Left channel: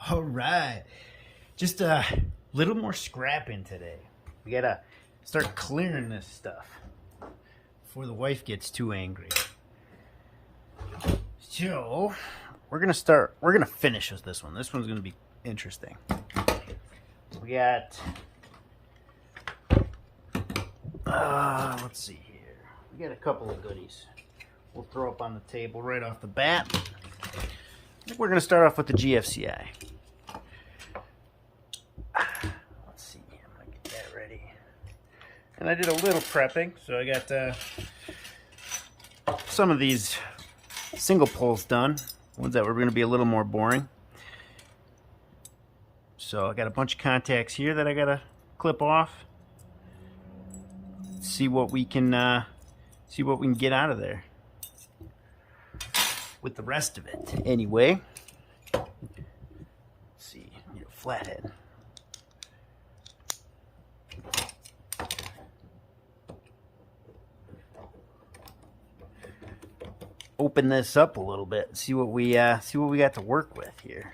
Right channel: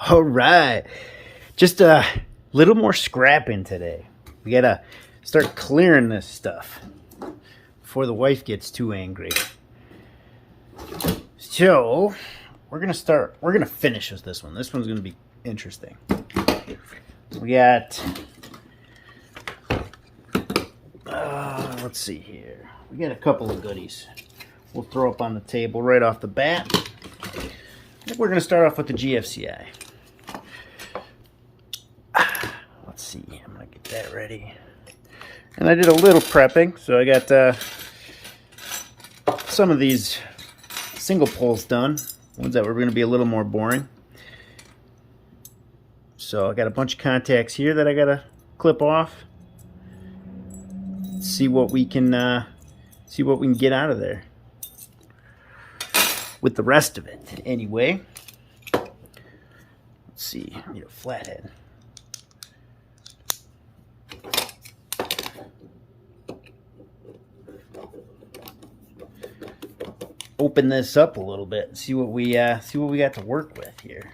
All right. Just a little more scrapping today. We gotta start clearing this stuff before the wife gets too angry. So we're gonna finish with this one. This one's gonna be interesting. We got let's see here. We got a couple of goodies we'll throw up on the table right off the bat. I think we're gonna start off with the GFCI. Let's see, I'm gonna get that ready. And I did a little prepping, so I got some of these single pulls done, ones that were going to be a little more boring. So I got a bunch of contacts here that I got to clip off. See what we can get out of there with the rest of it. Anyway, let's see. I need a flathead. Open this up a little bit and see what we got to work with here.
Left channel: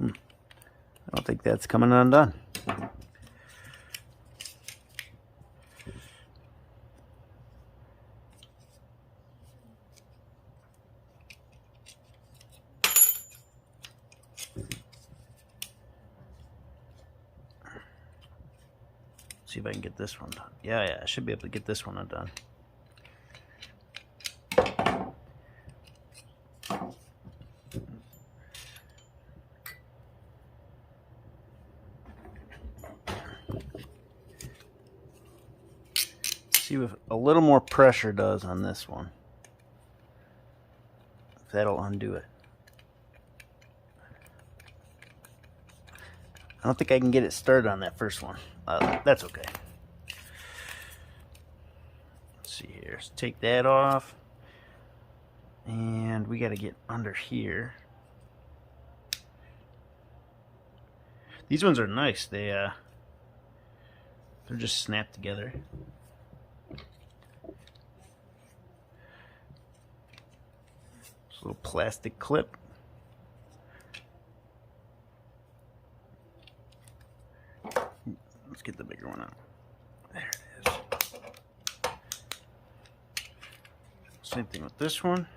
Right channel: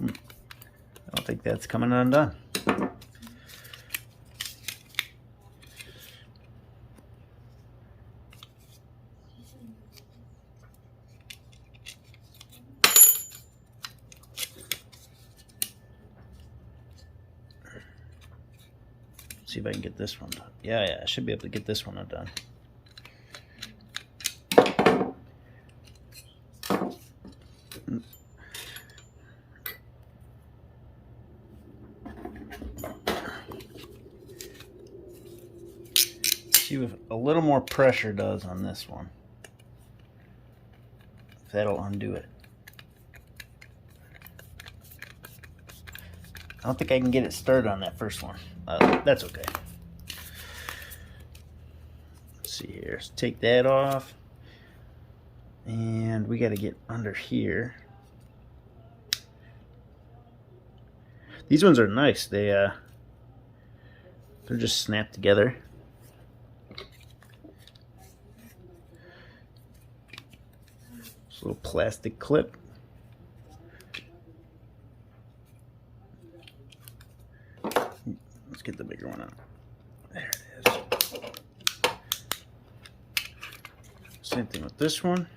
I don't think that's coming undone. See if I can get this one done. Yeah, I should be able to get this one undone. See if a little more pressure does on this one. If that'll undo it. I don't think I can get it started on that first one. That's okay. Let's see here. Let's take that off. And we got to get under here. These ones are nice. They're just snapped together. This little plastic clip. Let's get the bigger one out. There it is. Same thing with this one.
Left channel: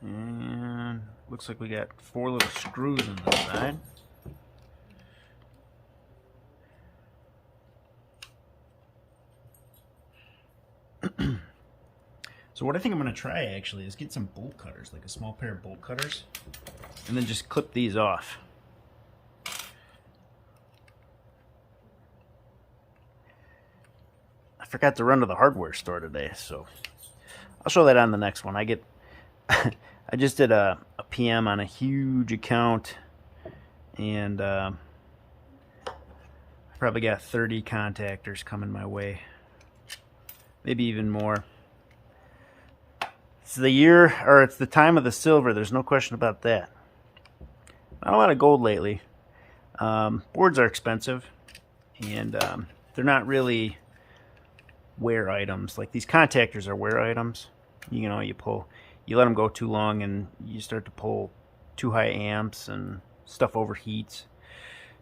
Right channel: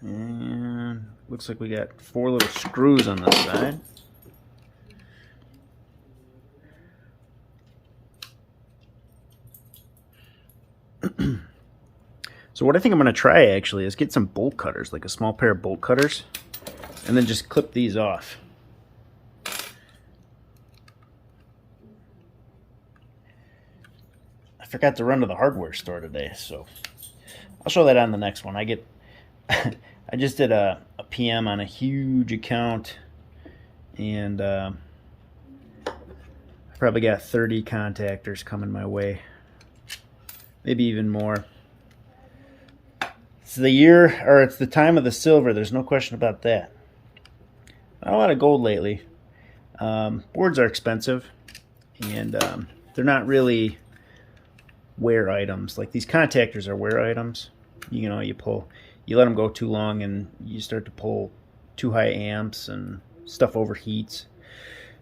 And looks like we got 4 little screws on this side. So what I think I'm going to try actually is get some bolt cutters, like a small pair of bolt cutters, and then just clip these off. I forgot to run to the hardware store today, so I'll show that on the next one. I just did a PM on a huge account, and I probably got 30 contactors coming my way, maybe even more. It's the year, or it's the time of the silver. There's no question about that. Not a lot of gold lately. Boards are expensive, and they're not really wear items. Like these contactors are wear items. You know, you let them go too long, and you start to pull too high amps, and stuff overheats.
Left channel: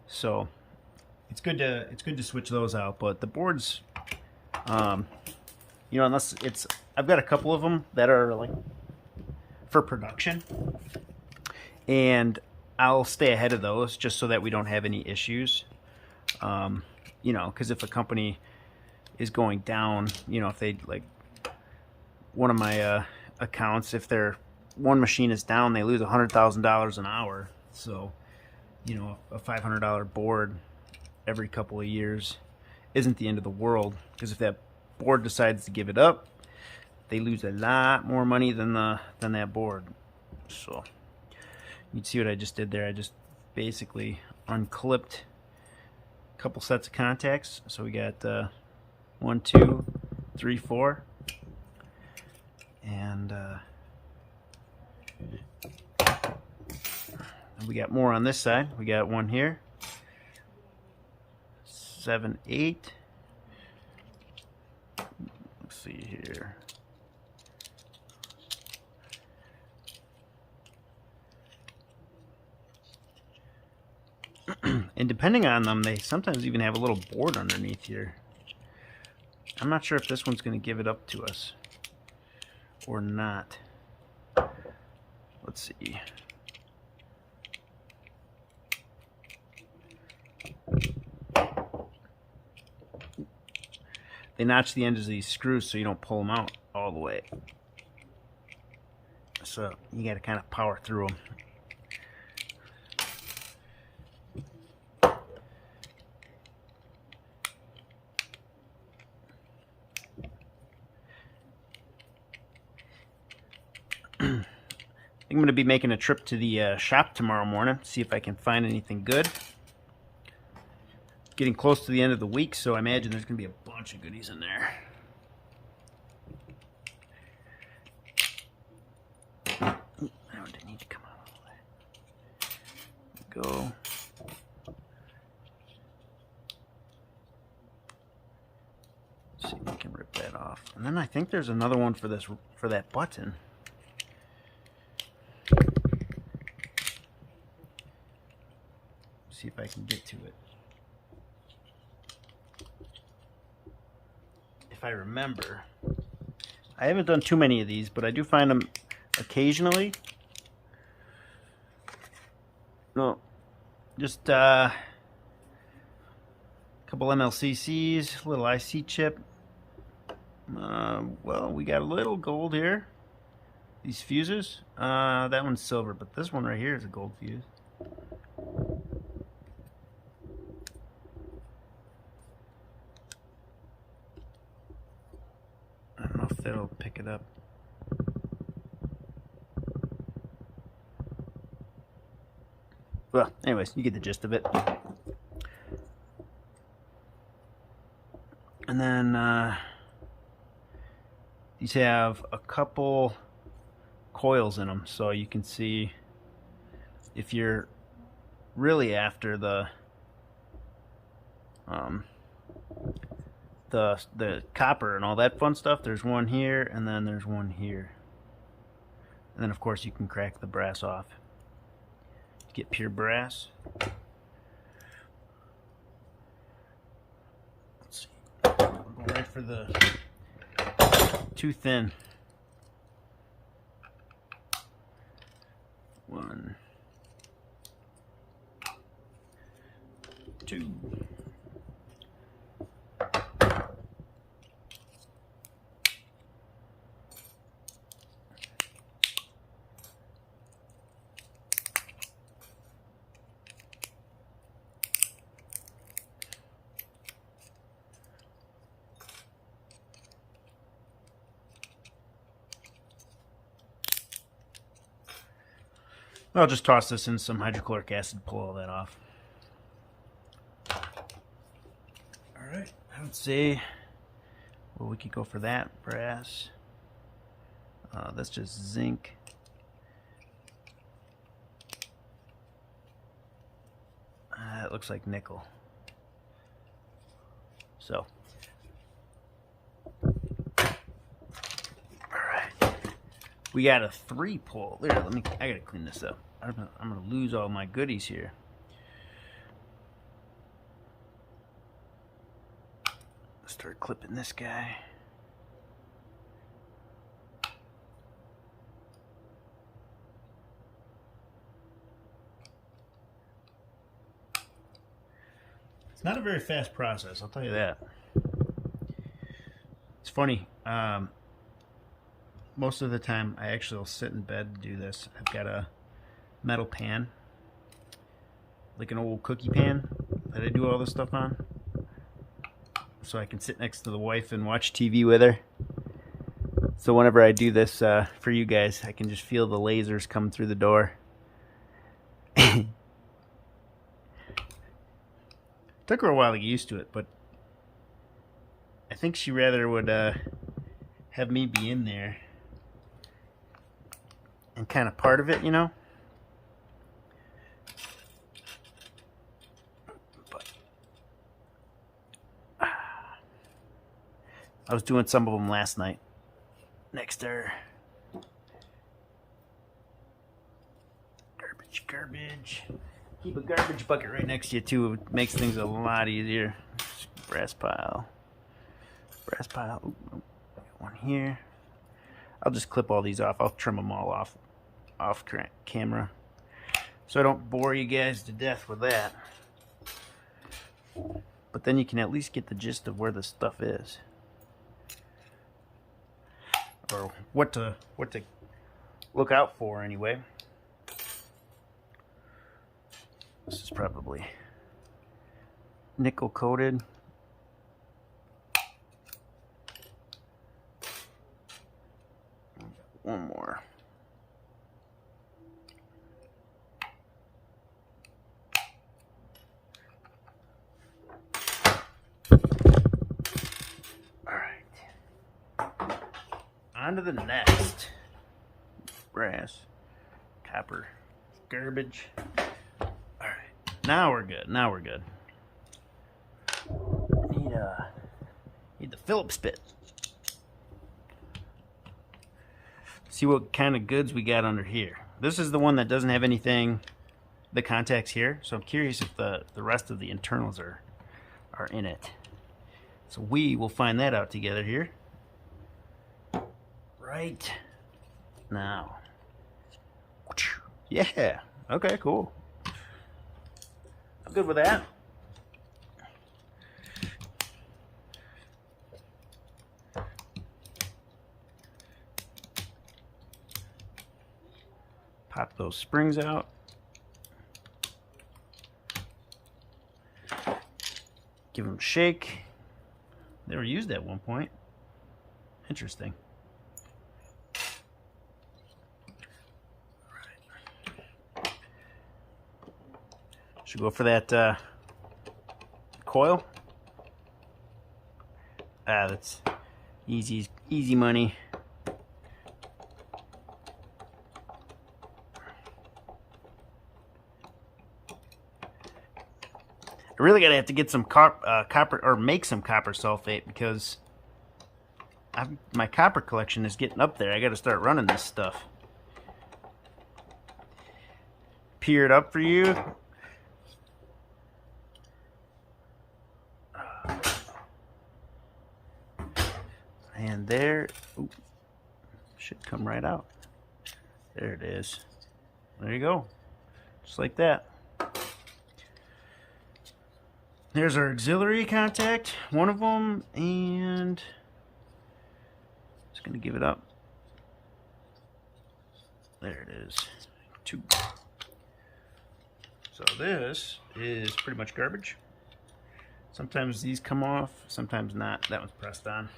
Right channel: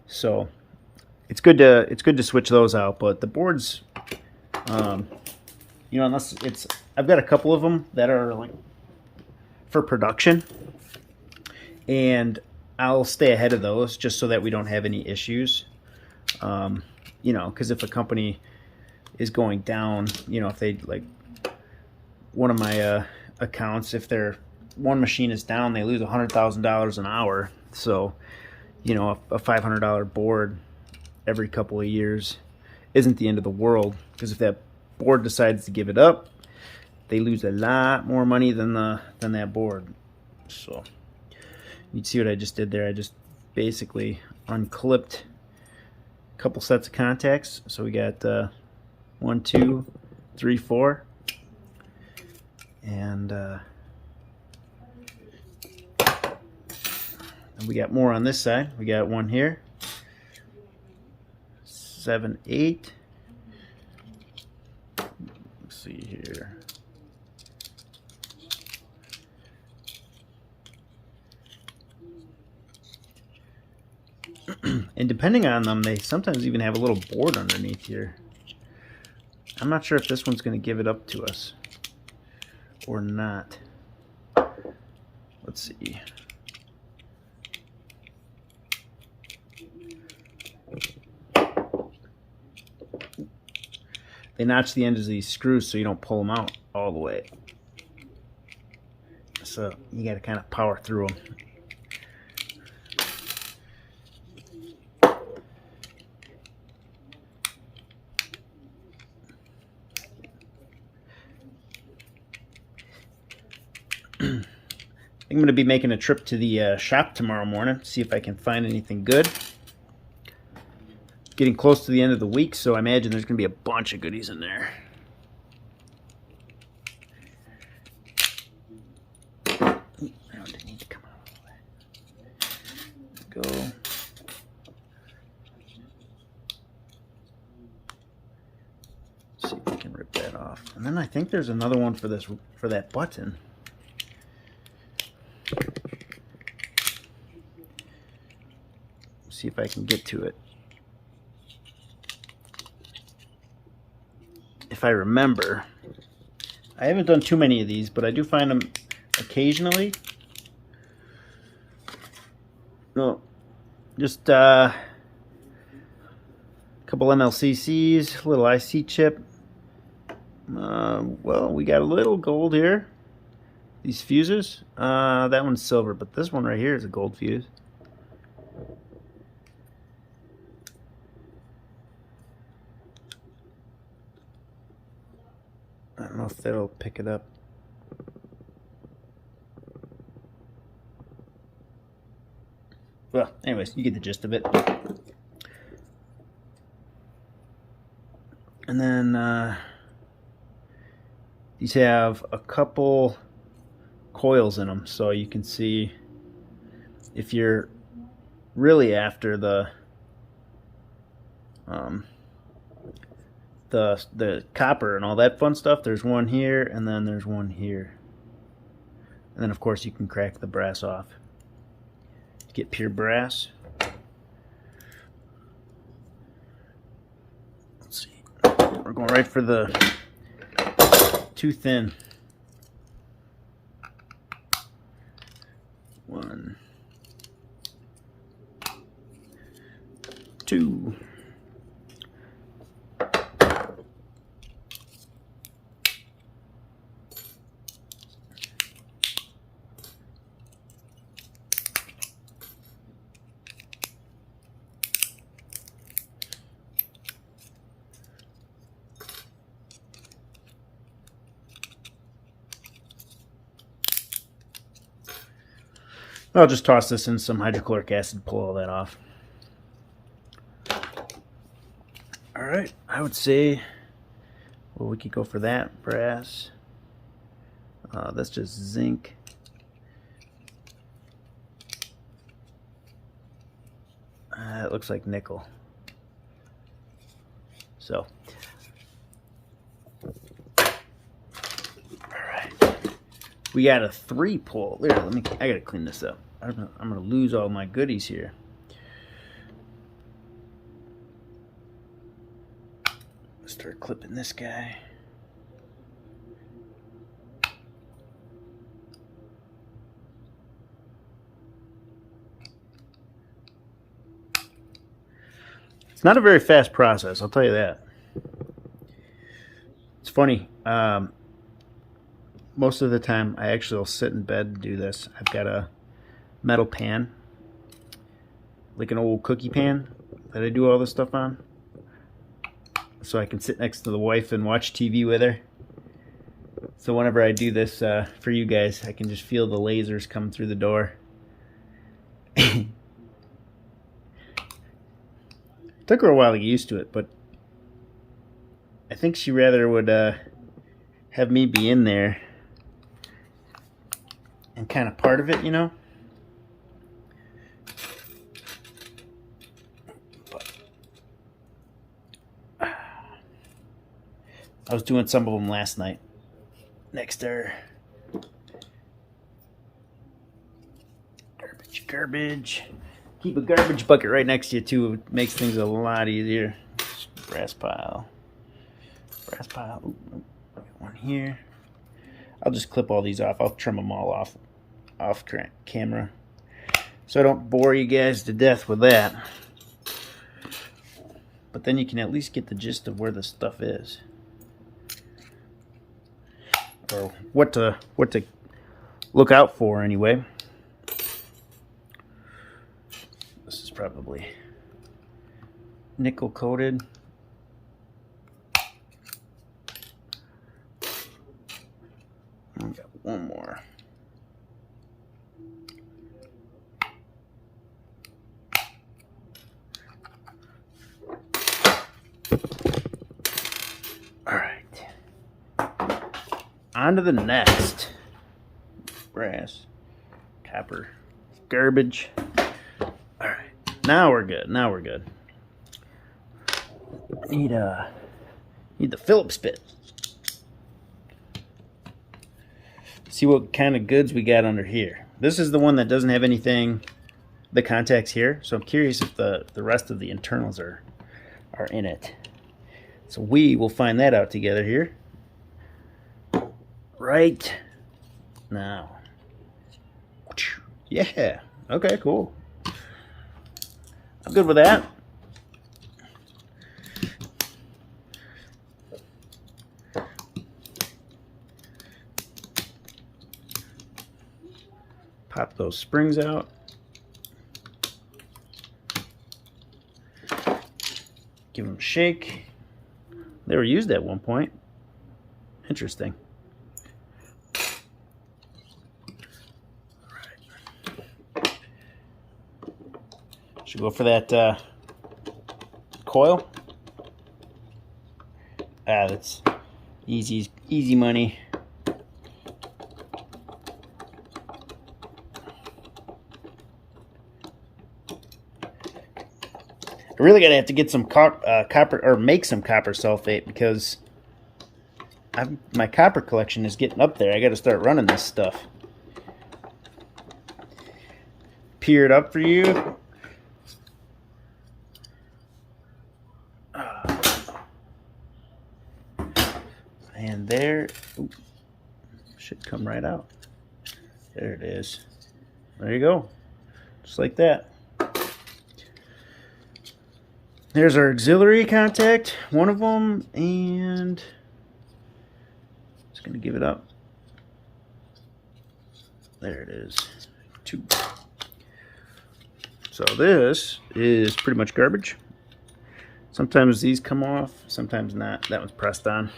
So it's good to switch those out. But the boards, you know, unless it's, I've got a couple of them that are like for production, and I'll stay ahead of those just so that we don't have any issues. You know, because if a company is going down, you know, if they, like one of my accounts, if their one machine is down, they lose $100,000 an hour. So, you know, a $500 board every couple of years isn't the end of the world, because if that board decides to give it up, they lose a lot more money than that board. So you see what I just did there? I just basically unclipped a couple sets of contacts. So we got 1, 2, 3, 4. And we got more on this side. We got one here. 7, 8. Let's see here. And depending on them, they sometimes even have a little board underneath here. I'm not sure if this one's going to give it up to us or not. Let's see. They notch the ends of these screws so you don't pull them out all the way. So you got to kind of power through them. I'm going to be making a trip to the shop tomorrow morning, see if I can find anything good. Getting close to the end of the week, so I imagine there's going to be a bunch of goodies in there. Oh, it didn't need to come out all the way. Go. Let's see if we can rip that off. And then I think there's another one for this, for that button. See if I can get to it. If I remember, I haven't done too many of these, but I do find them occasionally. No, just a couple MLCCs, a little IC chip. Well, we got a little gold here. These fuses, that one's silver, but this one right here is a gold fuse. I don't know if that'll pick it up. Well, anyways, you get the gist of it. And then these have a couple coils in them, so you can see if you're really after the copper and all that fun stuff. There's one here, and then there's one here, and then of course you can crack the brass off to get pure brass. Let's see, we're going right for the too thin. 1, 2. I'll just toss this in some hydrochloric acid, pull all that off. Alright, I would say, well, we could go for that brass. That's just zinc. It looks like nickel. So, alright. We got a 3-pull. There, I gotta clean this up. I'm gonna lose all my goodies here. Let's start clipping this guy. It's not a very fast process, I'll tell you that. It's funny. Most of the time, I actually will sit in bed and do this. I've got a metal pan, like an old cookie pan that I do all this stuff on, so I can sit next to the wife and watch TV with her. So whenever I do this for you guys, I can just feel the lasers come through the door. Took her a while to get used to it, but I think she rather would have me be in there and kind of part of it, you know. But I was doing some of them last night. Next there. Garbage. Keep a garbage bucket right next to you too. It makes things a lot easier. Brass pile. Brass pile. Ooh, one here. I'll just clip all these off. I'll trim them all off camera, so I don't bore you guys to death with that. But then you can at least get the gist of where the stuff is, or what to look out for anyway. This is probably nickel coated. I got one more. All right. On to the next. Brass, copper, garbage. All right. Now we're good. Now we're good. Need the Phillips bit. See what kind of goods we got under here. This is the one that doesn't have anything, the contacts here. So I'm curious if the rest of the internals are in it. So we will find that out together here. Right now. Yeah. Okay, cool. I'm good with that. Pop those springs out. Give them a shake. They were used at one point. Interesting. All right. Should we go for that coil? That's easy money. I really gotta have to get some copper, or make some copper sulfate, because my copper collection is getting up there. I gotta start running this stuff. Peer it up for you. And there, ooh, should come right out. There it is. There you go. Just like that. There's our auxiliary contact, one of them, and just going to give it up. There it is. 2. So this is pretty much garbage. Sometimes these come off, sometimes not. That one's pressed on.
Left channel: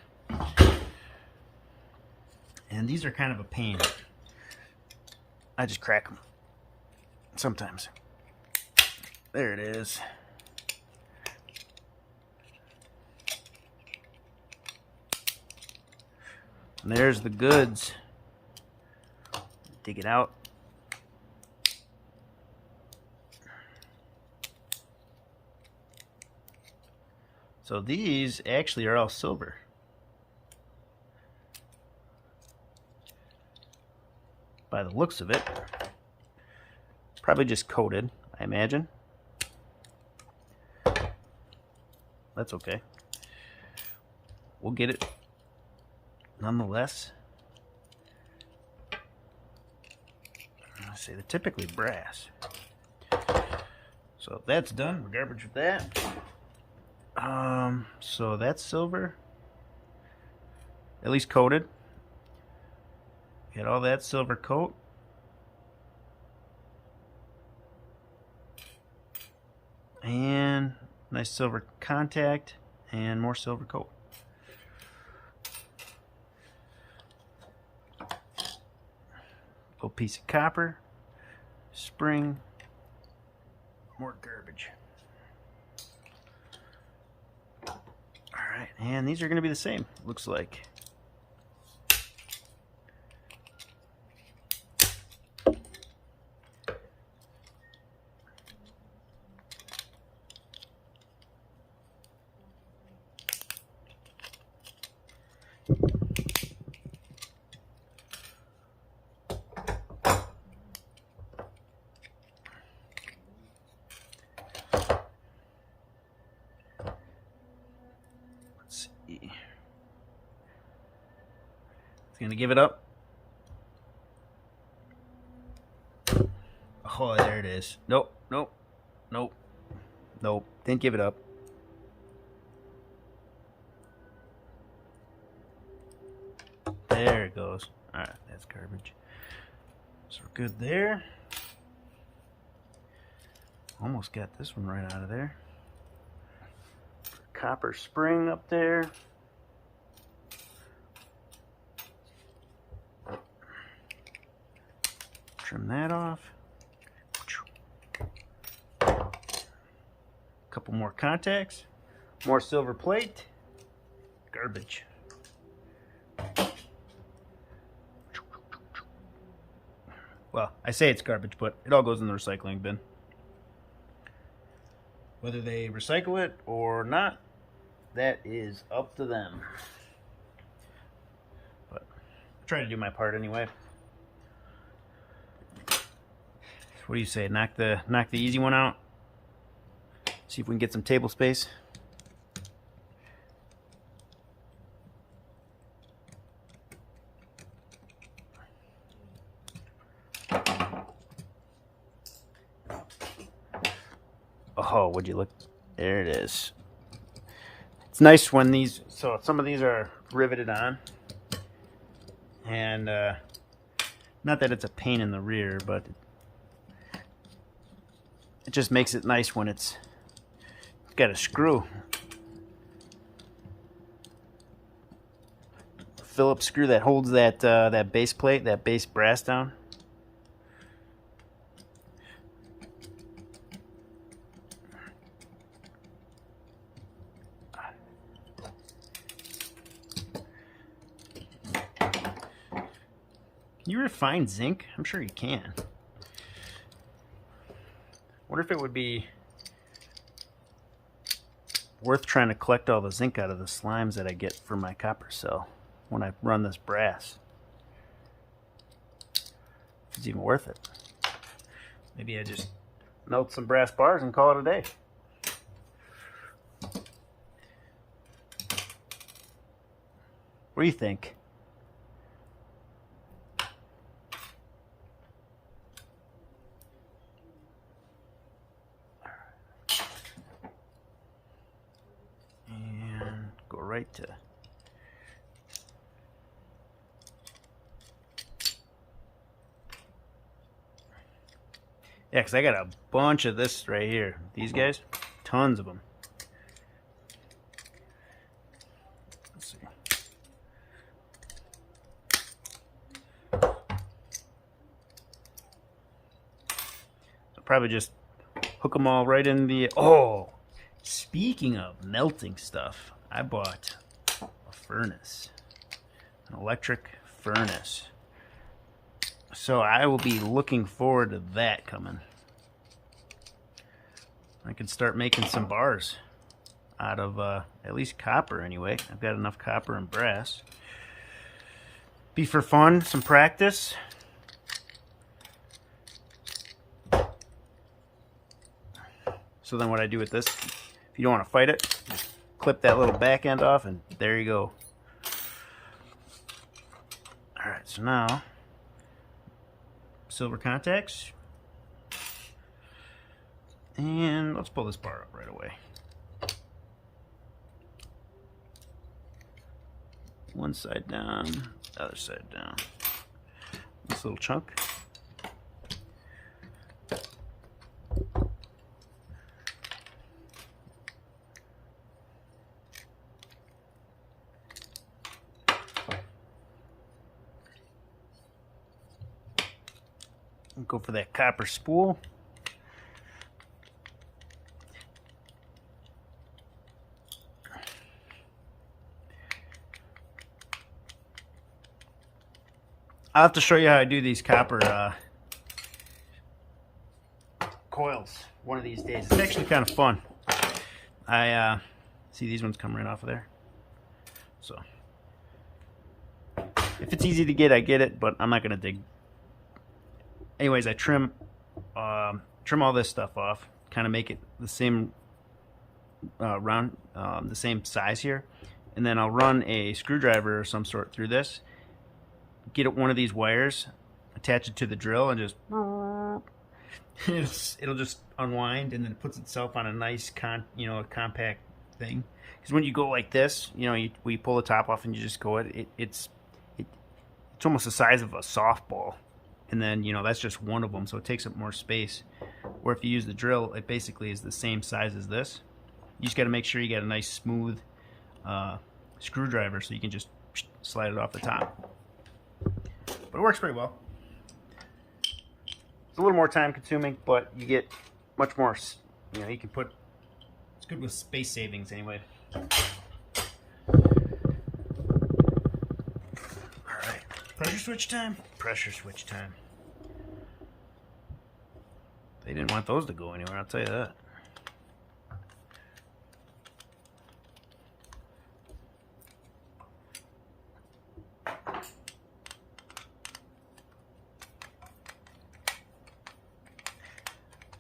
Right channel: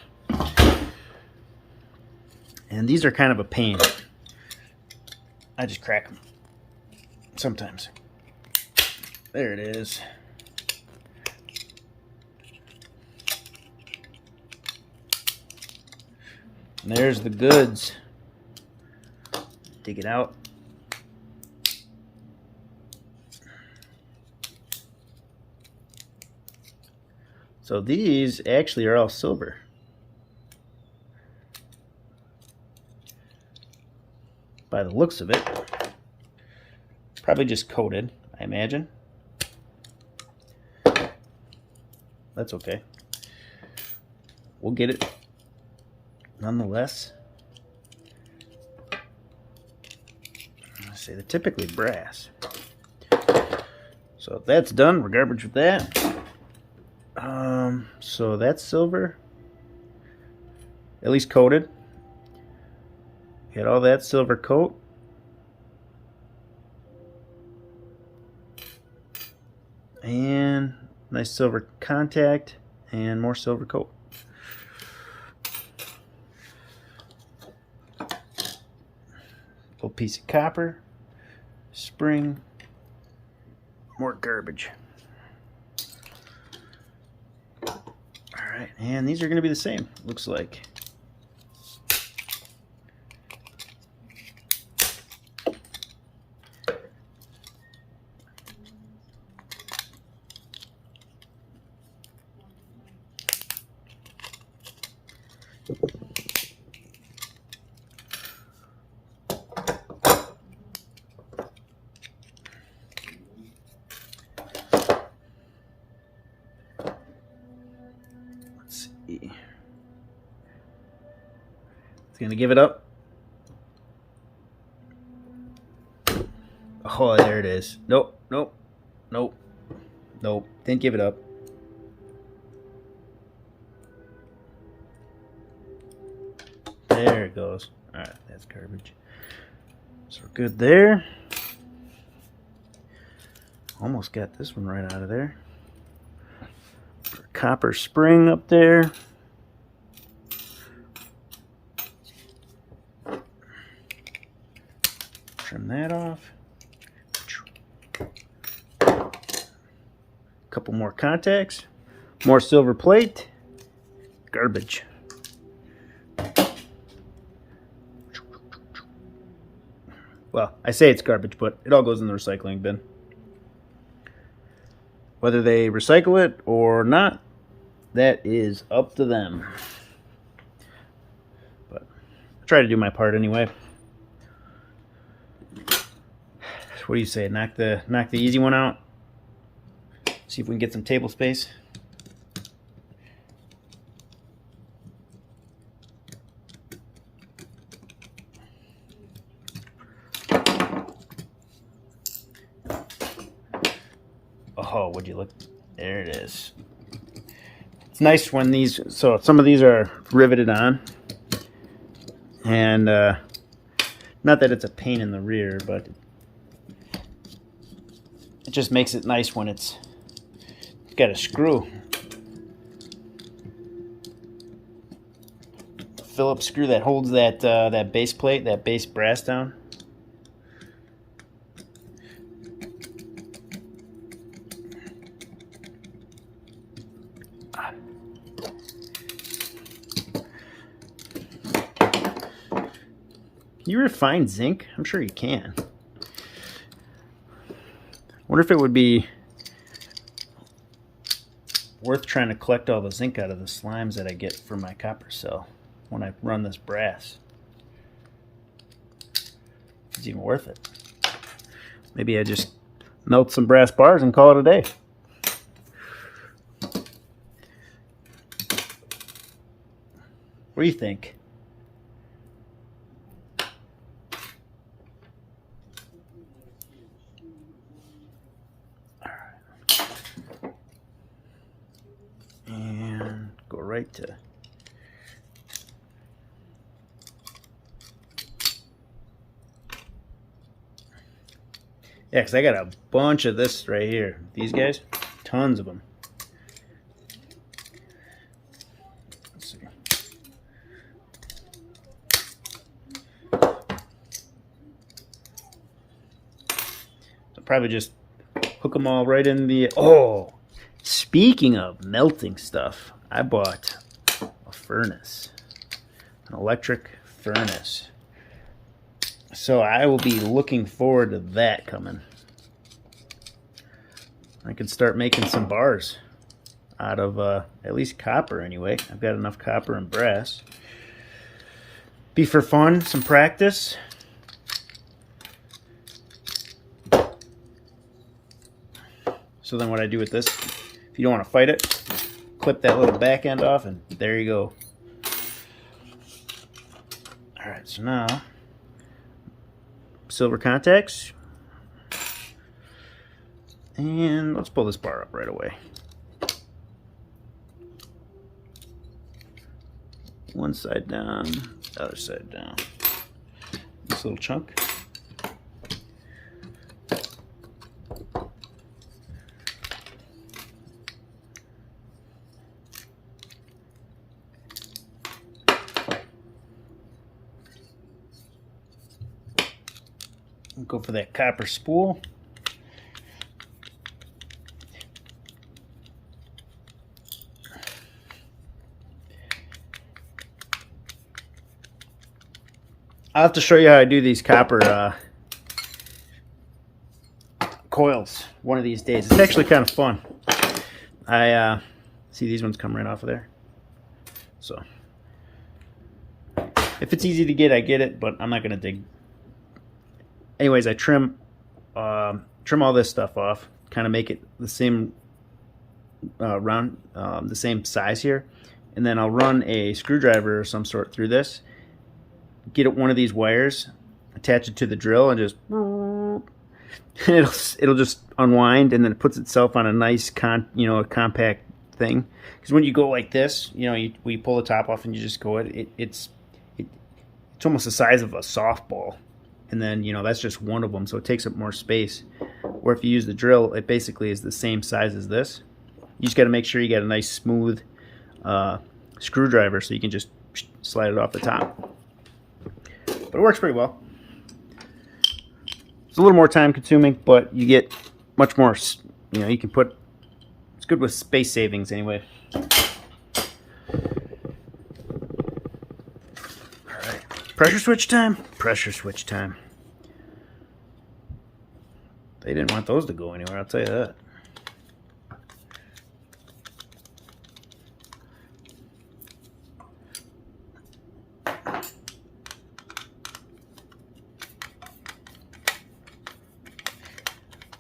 And these are kind of a pain. I just crack them sometimes. There it is. And there's the goods. Dig it out. So these actually are all silver. By the looks of it. Probably just coated, I imagine. That's okay. We'll get it nonetheless. I say they're typically brass. So that's done. We're garbage with that. So that's silver, at least coated. Get all that silver coat. And nice silver contact and more silver coat. Little piece of copper, spring, more garbage. Alright, and these are going to be the same, looks like. Let's see. It's gonna give it up. Oh, there it is. Nope, nope, nope, nope. Didn't give it up. There it goes. All right, that's garbage. So we're good there. Almost got this one right out of there. Copper spring up there. Trim that off. Couple more contacts. More silver plate. Garbage. Well, I say it's garbage, but it all goes in the recycling bin. Whether they recycle it or not, that is up to them. But I try to do my part anyway. What do you say? Knock the easy one out. See if we can get some table space. Oh, would you look? There it is. It's nice when these, so some of these are riveted on. And not that it's a pain in the rear, but it just makes it nice when it's got a screw. Phillips screw that holds that that base plate, that base brass down. Can you refine zinc? I'm sure you can. Wonder if it would be worth trying to collect all the zinc out of the slimes that I get from my copper cell when I run this brass. If it's even worth it. Maybe I just melt some brass bars and call it a day. What do you think? And go right to yeah, because I got a bunch of this right here. These guys, tons of them. Let's see. So probably just hook them all right in the. Oh, speaking of melting stuff, I bought a furnace, an electric furnace. So I will be looking forward to that coming. I can start making some bars out of at least copper anyway. I've got enough copper and brass. Be for fun, some practice. So then what I do with this, if you don't want to fight it, just clip that little back end off and there you go. Alright, so now silver contacts, and let's pull this bar up right away. One side down, other side down. This little chunk. Go for that copper spool. I'll have to show you how I do these copper coils one of these days. It's actually kind of fun. I see these ones come right off of there. So If it's easy to get, I get it, but I'm not going to dig. Anyways, I trim all this stuff off, kind of make it the same round, the same size here, and then I'll run a screwdriver of some sort through this, get it one of these wires, attach it to the drill, and just it'll just unwind, and then it puts itself on a nice a compact thing. Because when you go like this, you pull the top off and you just go it's almost the size of a softball, and then that's just one of them, so it takes up more space. Or if you use the drill, it basically is the same size as this. You just got to make sure you got a nice smooth screwdriver so you can just slide it off the top. But it works pretty well. It's a little more time consuming, but you get much more, you can put, it's good with space savings anyway. Alright, pressure switch time? Pressure switch time. They didn't want those to go anywhere, I'll tell you that.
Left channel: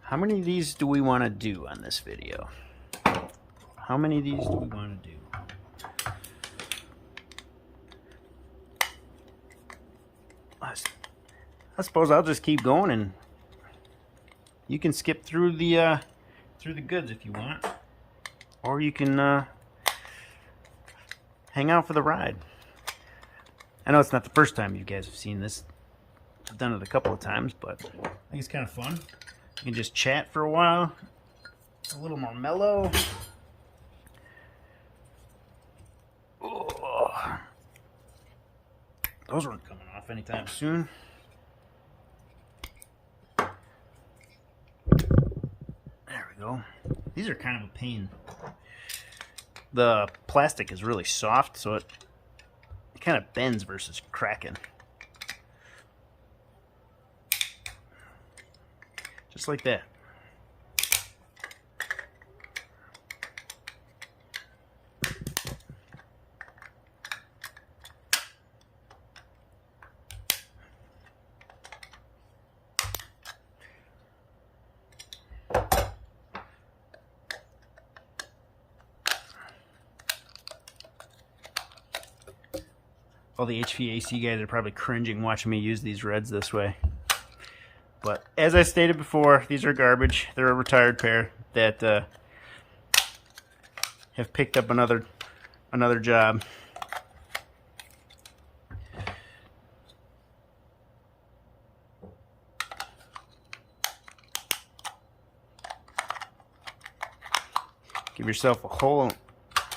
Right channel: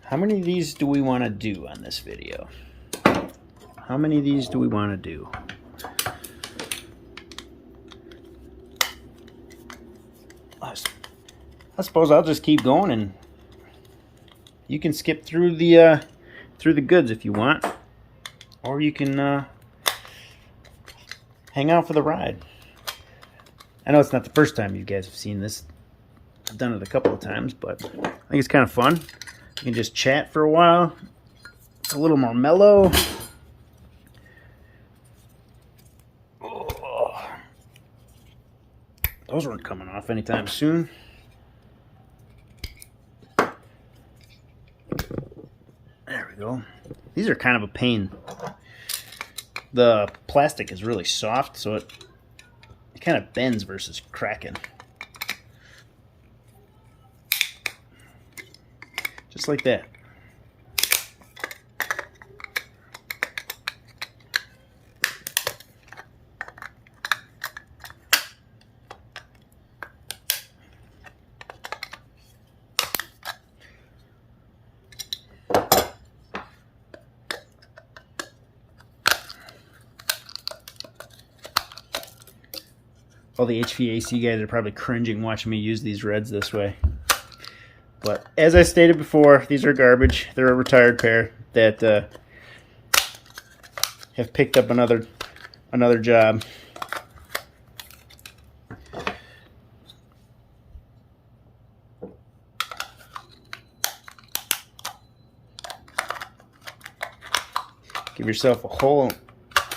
How many of these do we want to do on this video? How many of these do we want to do? I suppose I'll just keep going, and you can skip through the goods if you want, or you can hang out for the ride. I know it's not the first time you guys have seen this. I've done it a couple of times, but I think it's kind of fun. You can just chat for a while. It's a little more mellow. Oh. Those weren't coming off anytime soon. There we go. These are kind of a pain. The plastic is really soft, so it kind of bends versus cracking. Just like that. All the HVAC guys are probably cringing watching me use these reds this way. But as I stated before, these are garbage. They're a retired pair that have picked up another job. Give yourself a hole,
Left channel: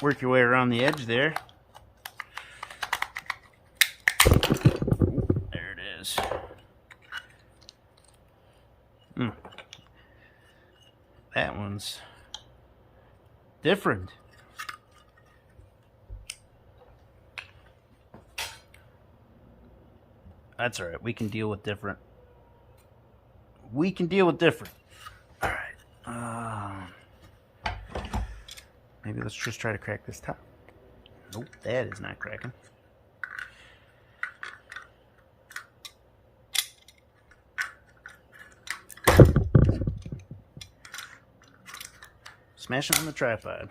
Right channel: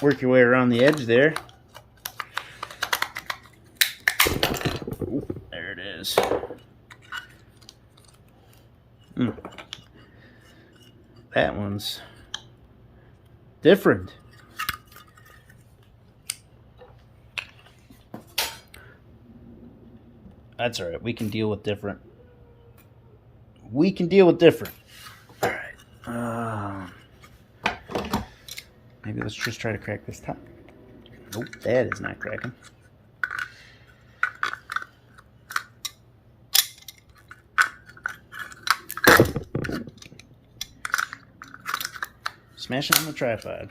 work your way around the edge there. Ooh, there it is. That one's different. That's all right. We can deal with different. We can deal with different. All right. Maybe let's just try to crack this top. Nope, that is not cracking. Smash it on the tripod.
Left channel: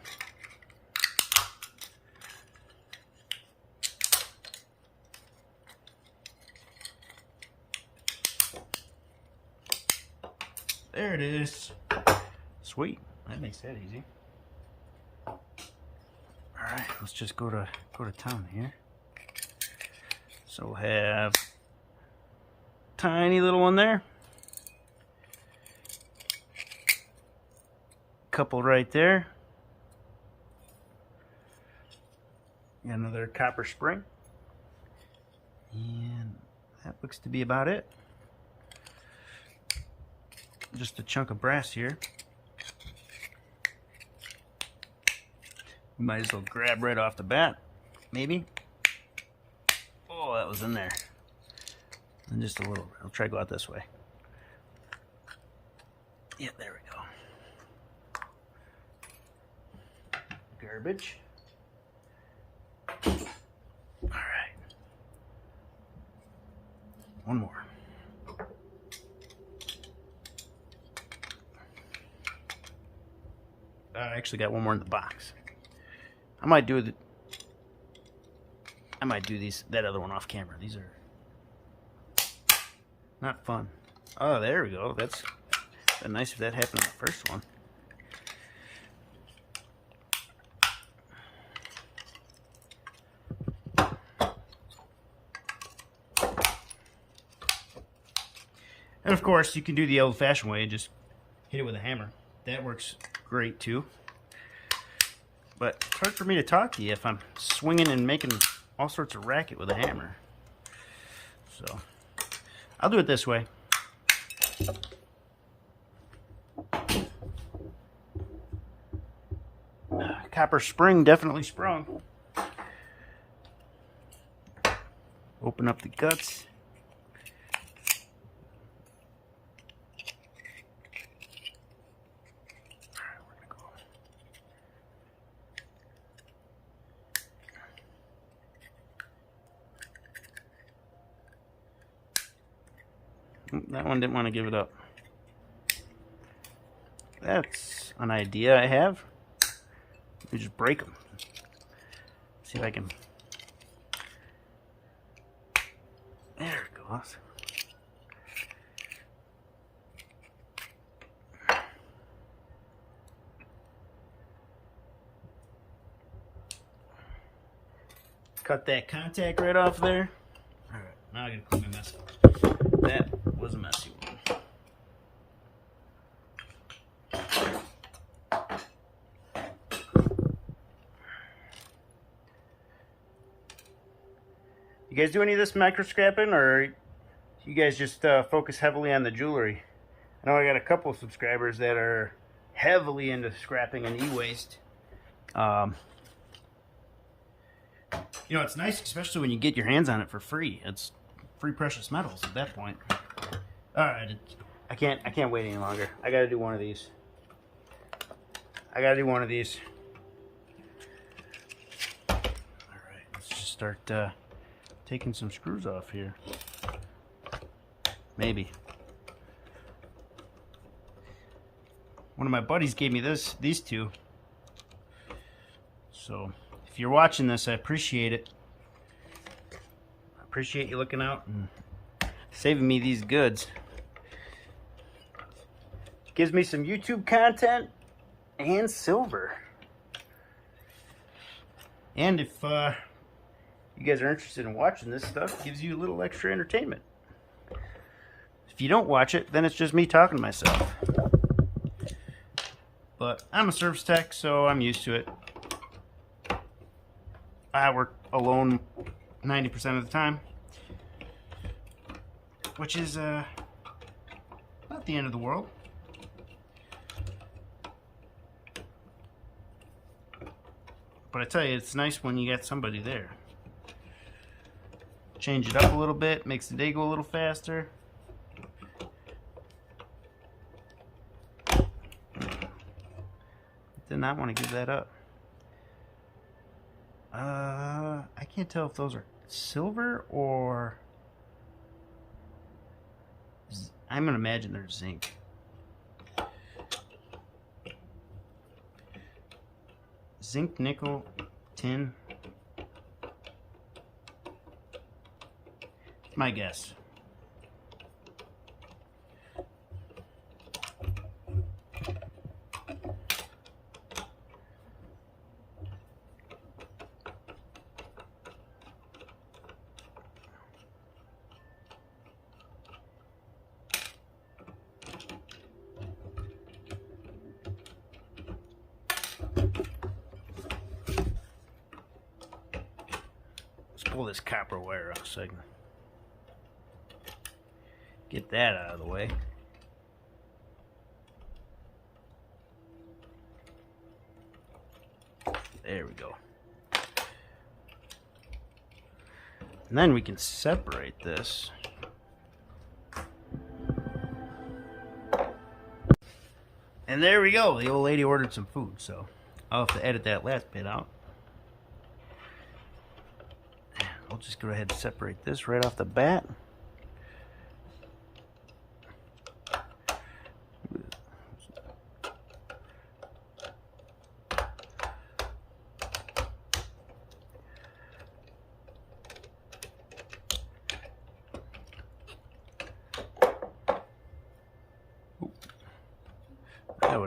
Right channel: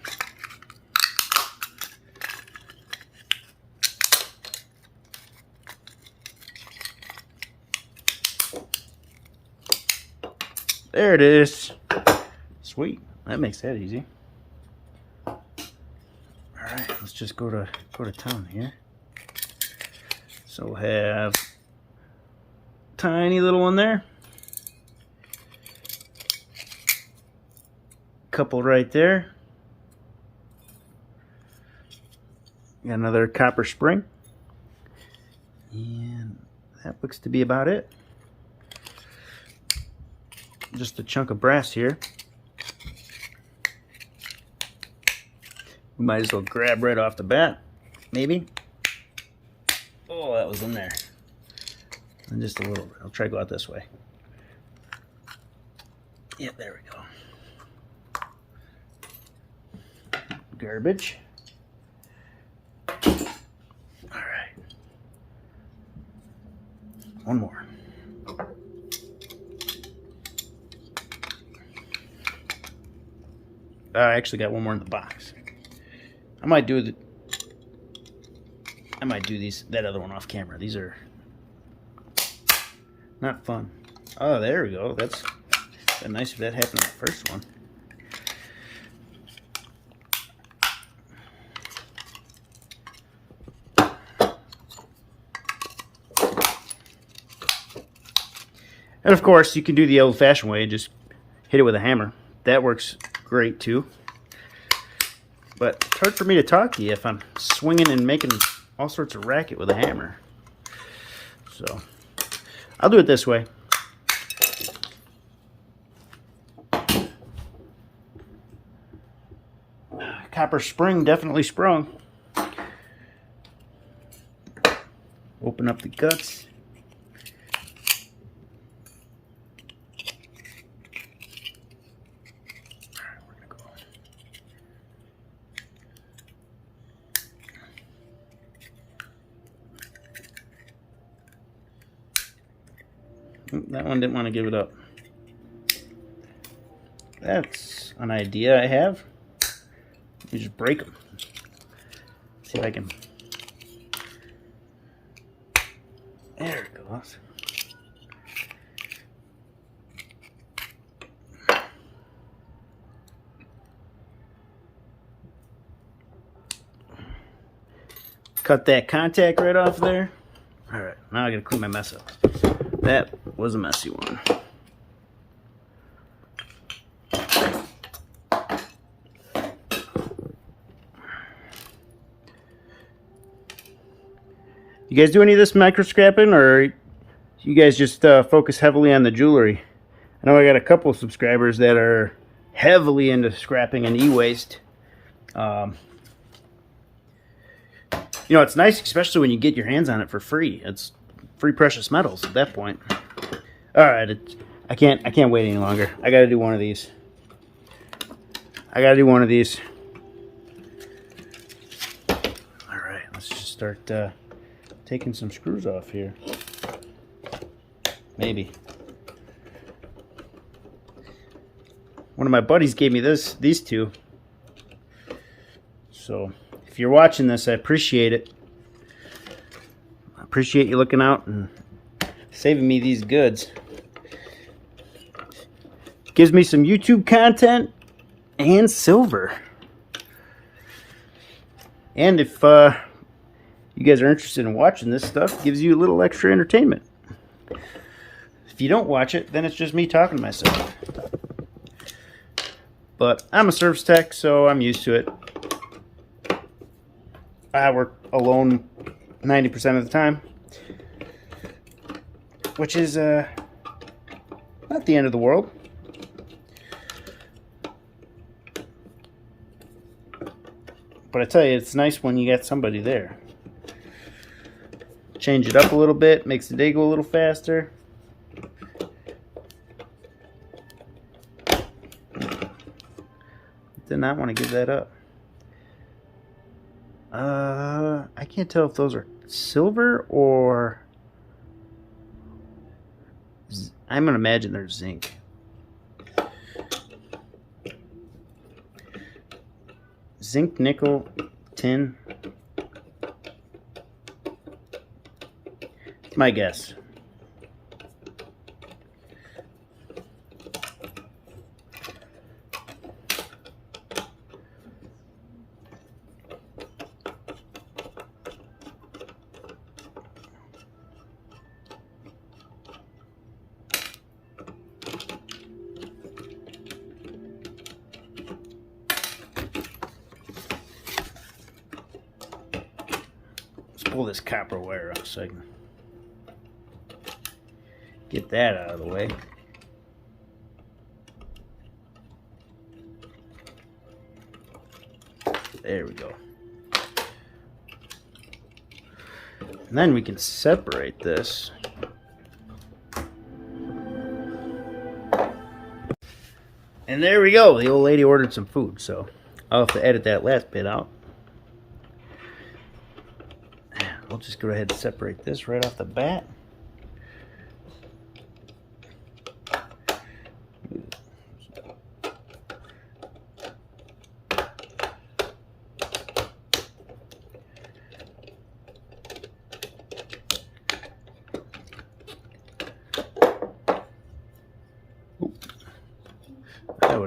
There it is. Sweet. That makes that easy. All right, let's just go to town here. So we'll have tiny little one there. Couple right there. Got another copper spring, and that looks to be about it. Just a chunk of brass here. We might as well grab right off the bat, maybe. Oh, that was in there. And just a little bit. I'll try to go out this way. Yeah, there we go. Garbage. All right. One more. I actually got one more in the box. I might do that other one off camera. These are not fun. Oh, there we go. That's nice if that happened in the first one. And of course, you can do the old-fashioned way and just hit it with a hammer. That works great too. But it's hard for me to talk to you if I'm swinging and making all sorts of racket with a hammer. So I'll do it this way. Copper spring definitely sprung. Open up the guts. That one didn't want to give it up. That's an idea I have. You just break them. See if I can. There it goes. Cut that contact right off there. All right, now I gotta clean my mess up. That was a messy one. You guys do any of this micro scrapping, or you guys just focus heavily on the jewelry? I know I got a couple of subscribers that are heavily into scrapping and e-waste. You know, it's nice, especially when you get your hands on it for free. It's free precious metals at that point. All right, I can't wait any longer. I got to do one of these. All right, let's just start taking some screws off here. Maybe. One of my buddies gave me these two. So if you're watching this, I appreciate it. I appreciate you looking out and saving me these goods. Gives me some YouTube content and silver. And if you guys are interested in watching this stuff, gives you a little extra entertainment. If you don't watch it, then it's just me talking to myself. But I'm a service tech, so I'm used to it. I work alone 90% of the time, which is not the end of the world. But I tell you, it's nice when you got somebody there. Change it up a little bit, makes the day go a little faster. Did not want to give that up. I can't tell if those are silver or... I'm going to imagine they're zinc. Zinc, nickel, tin. It's my guess. Pull this copper wire out so I can get that out of the way. There we go. And then we can separate this. And there we go. The old lady ordered some food, so I'll have to edit that last bit out. We'll just go ahead and separate this right off the bat.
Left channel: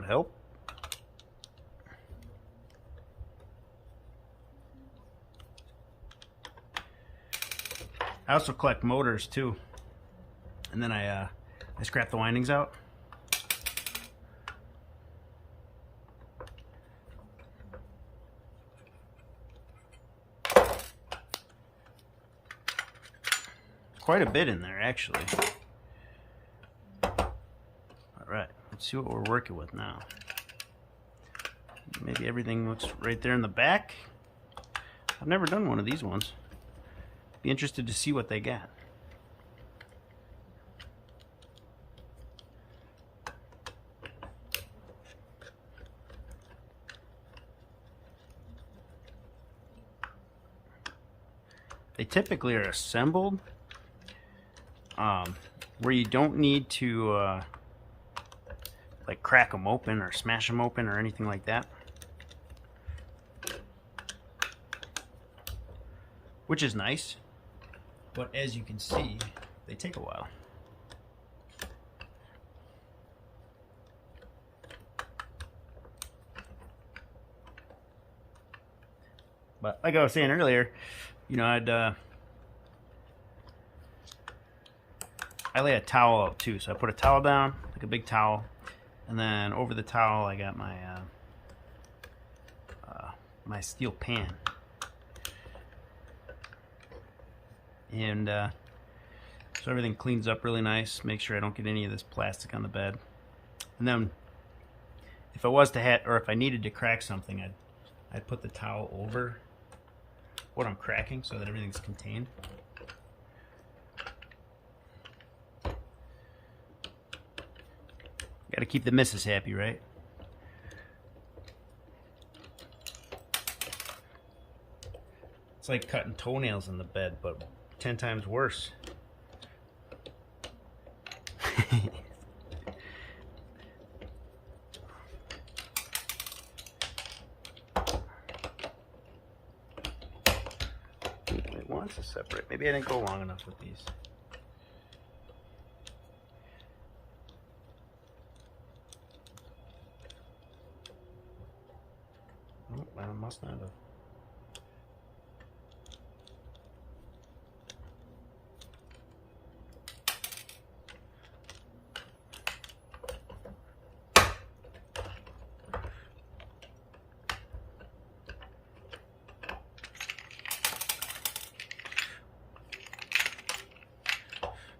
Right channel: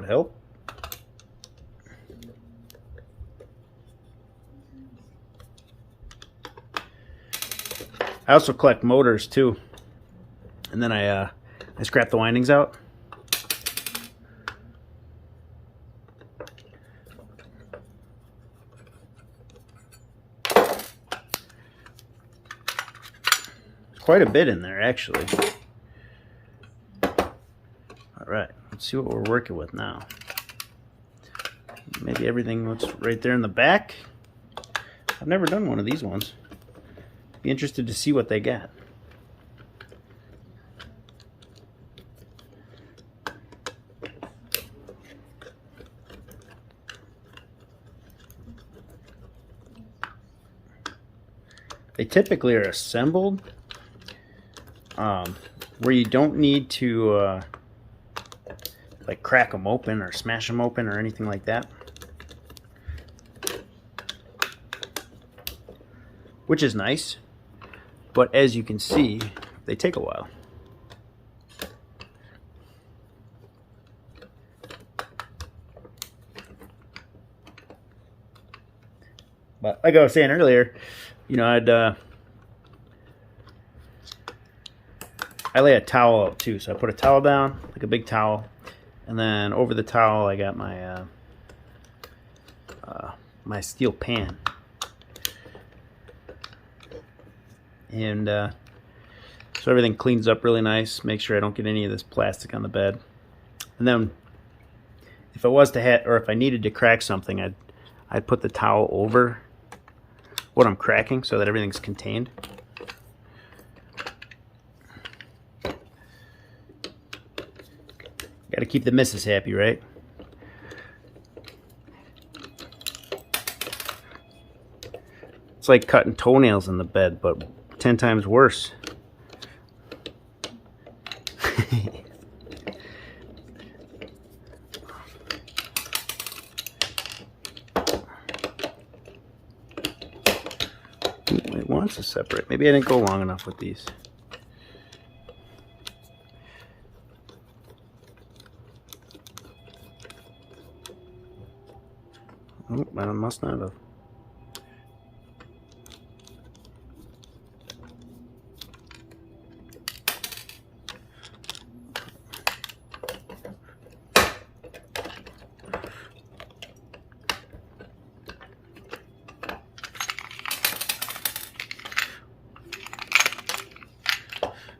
help. I also collect motors too, and then I scrap the windings out. Quite a bit in there, actually. All right, let's see what we're working with now. Maybe everything looks right there in the back. I've never done one of these ones. Be interested to see what they got. They typically are assembled where you don't need to like crack them open or smash them open or anything like that, which is nice, but as you can see, they take a while. But like I was saying earlier, you know, I lay a towel out too, so I put a towel down, like a big towel, and then over the towel I got my my steel pan, and so everything cleans up really nice. Make sure I don't get any of this plastic on the bed, and then if I was to or if I needed to crack something, I'd put the towel over what I'm cracking so that everything's contained. Got to keep the missus happy, right? It's like cutting toenails in the bed, but 10 times worse. It wants to separate. Maybe I didn't go long enough with these. Oh, I must not have.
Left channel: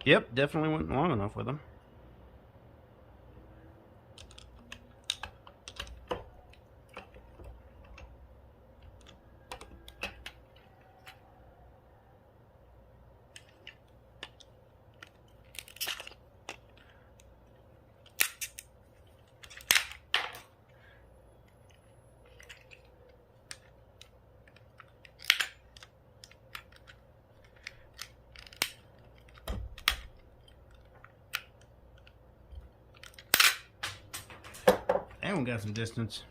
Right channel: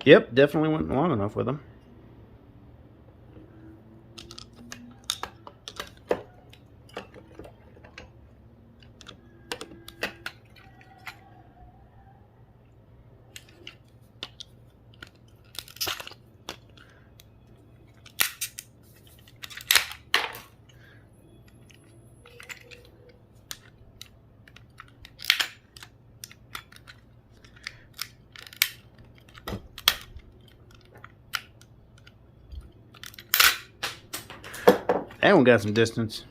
Yep, definitely went long enough with them. That one got some distance.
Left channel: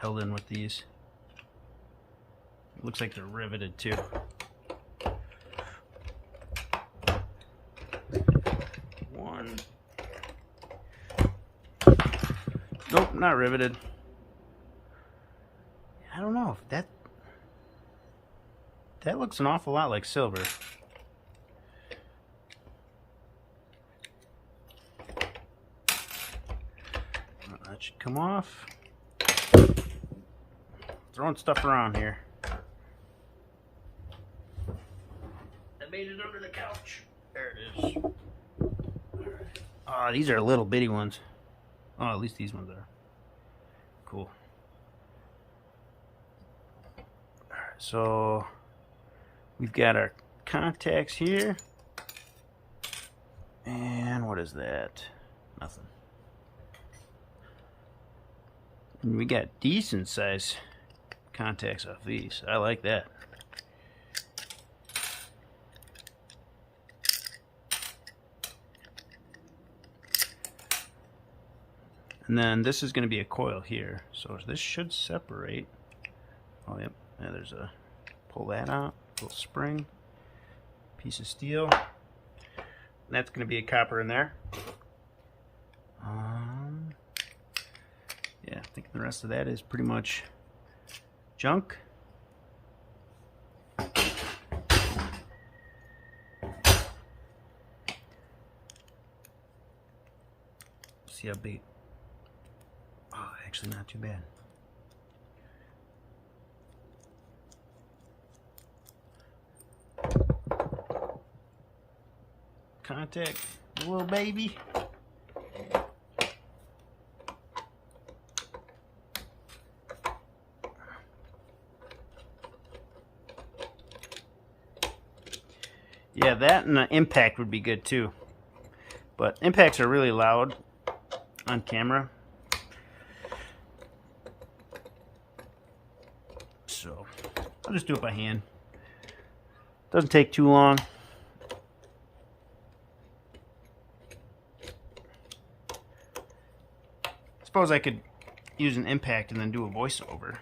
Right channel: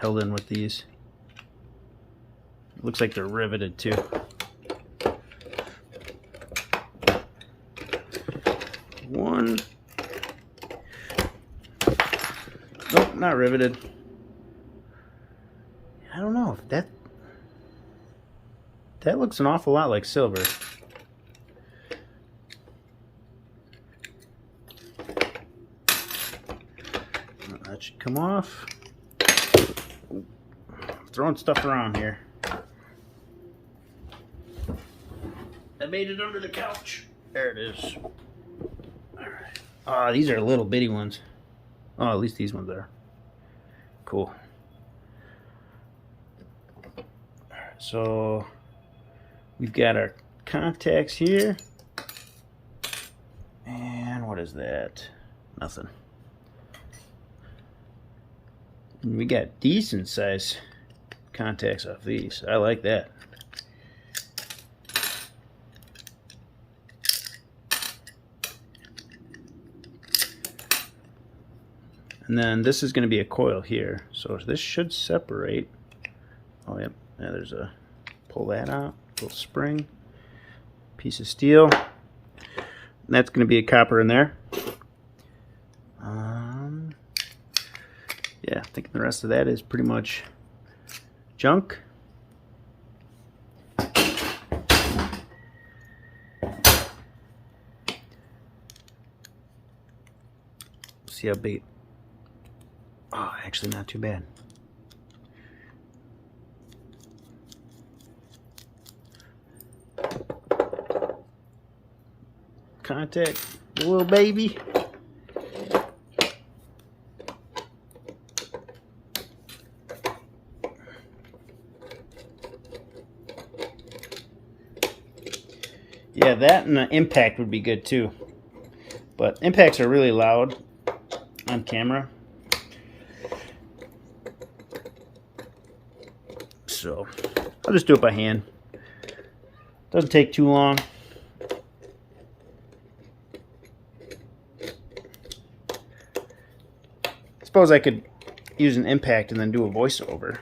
Held in with these. It looks like they're riveted too. One. Nope, not riveted. I don't know if that looks an awful lot like silver. That should come off. Throwing stuff around here. I made it under the couch. There it is. Alright. Oh, these are little bitty ones. Oh, at least these ones are. Cool. Alright, so we've got our contacts here. And what is that? Nothing. And we got decent size contacts off these. I like that. And then this is going to be a coil here. So this should separate. Oh, yep. Yeah, there's a, pull that out. little spring, piece of steel. And that's going to be a copper in there. Yeah, I think the rest of that is pretty much junk. See how big. Oh, actually not too bad. Contact the little baby. Yeah, that and the impact would be good too. But impacts are really loud on camera. So I'll just do it by hand. Doesn't take too long. Suppose I could use an impact and then do a voiceover.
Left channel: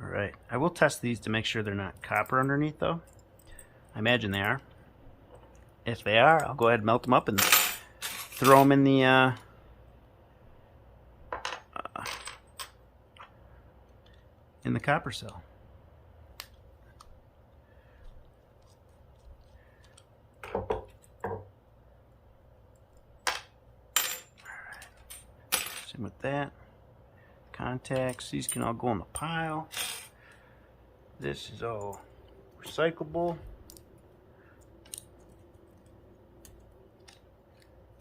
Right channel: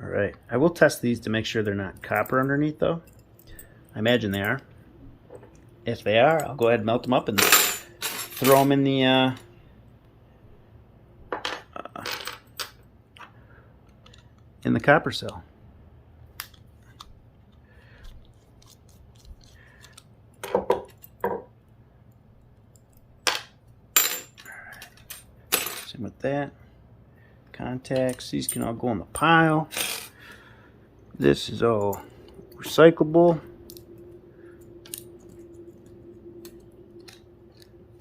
Alright, I will test these to make sure they're not copper underneath though. I imagine they are. If they are, I'll go ahead and melt them up and throw them in the copper cell. Same with that. Contacts, these can all go in the pile. This is all recyclable.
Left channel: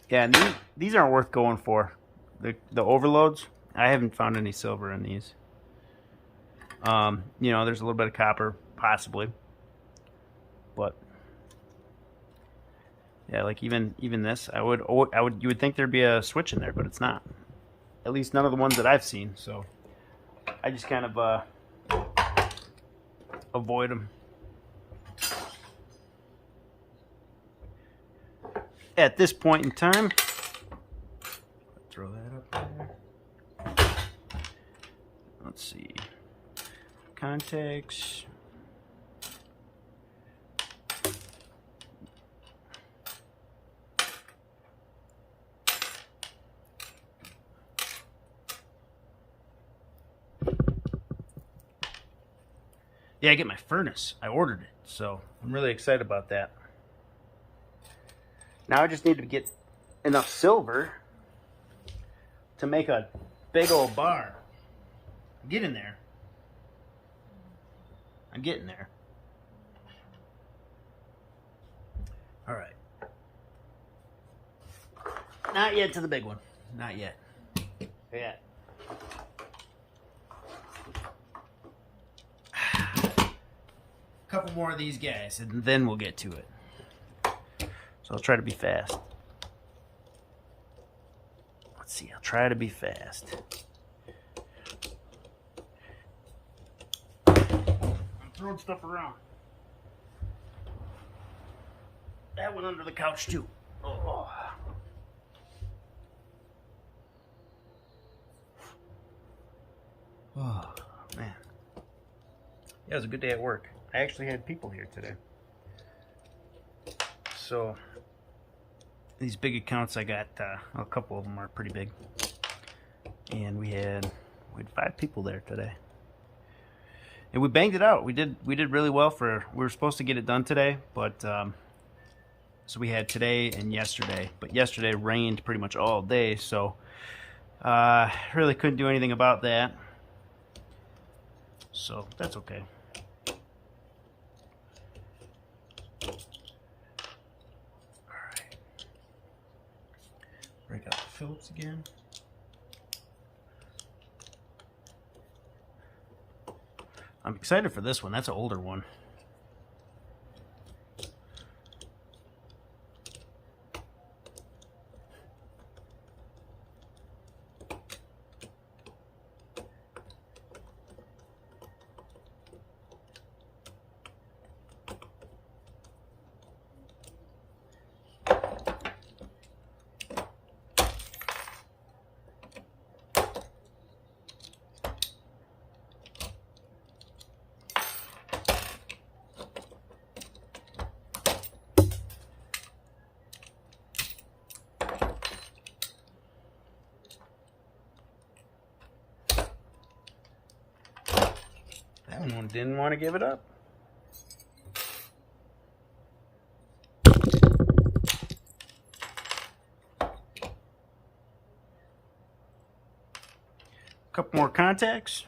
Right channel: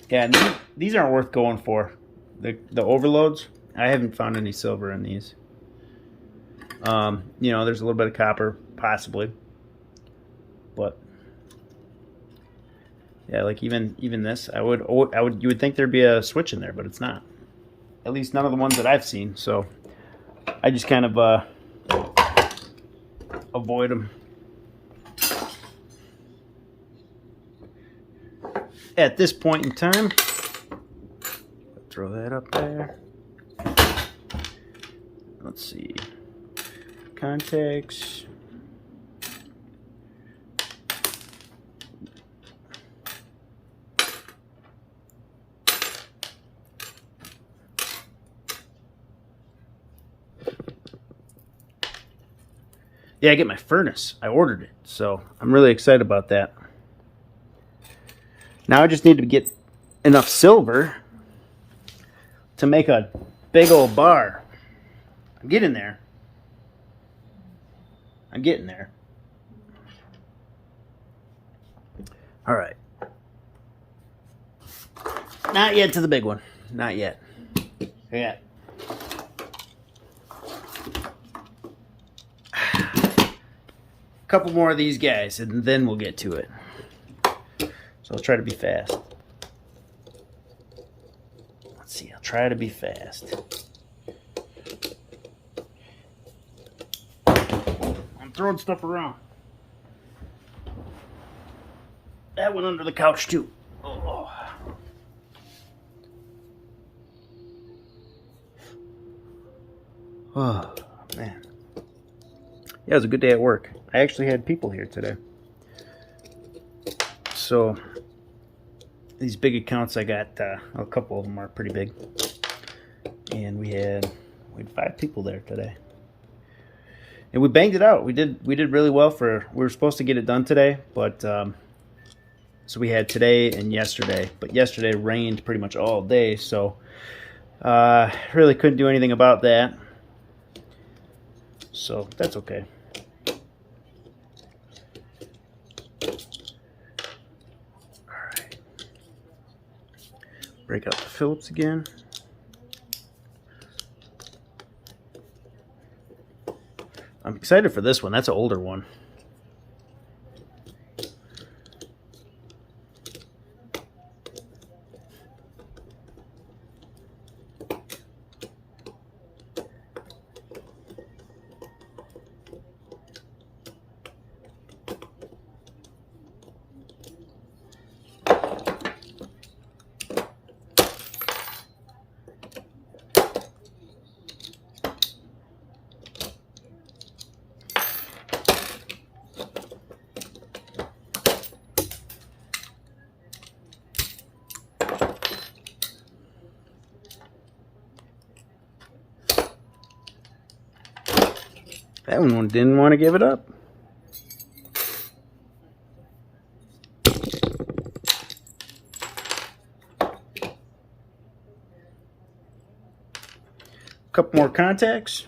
Yeah, these aren't worth going for. The overloads, I haven't found any silver in these. You know, there's a little bit of copper, possibly. But yeah, like even this, you would think there'd be a switch in there, but it's not. At least none of the ones that I've seen. So I just kind of avoid them. At this point in time, throw that up there. Let's see. Contacts. Yeah, I get my furnace. I ordered it, so I'm really excited about that. Now I just need to get enough silver to make a big old bar. I'm getting there. I'm getting there. All right. Not yet to the big one. Not yet. Yeah. Couple more of these guys and then we'll get to it. So I'll try to be fast. Let's see, I'll try to be fast. I'm throwing stuff around. That went under the couch too. Oh. Oh, man. Yeah, it was a good day at work. I actually had people here today. So these big accounts I got, a couple of them are pretty big. And we had 5 people there today. And we banged it out. We did really well we were supposed to get it done today, but so we had today and yesterday. But yesterday rained pretty much all day, so really couldn't do anything about that. So that's okay. Alright. Break out the Phillips again. I'm excited for this one. That's an older one. That one didn't want to give it up. Couple more contacts.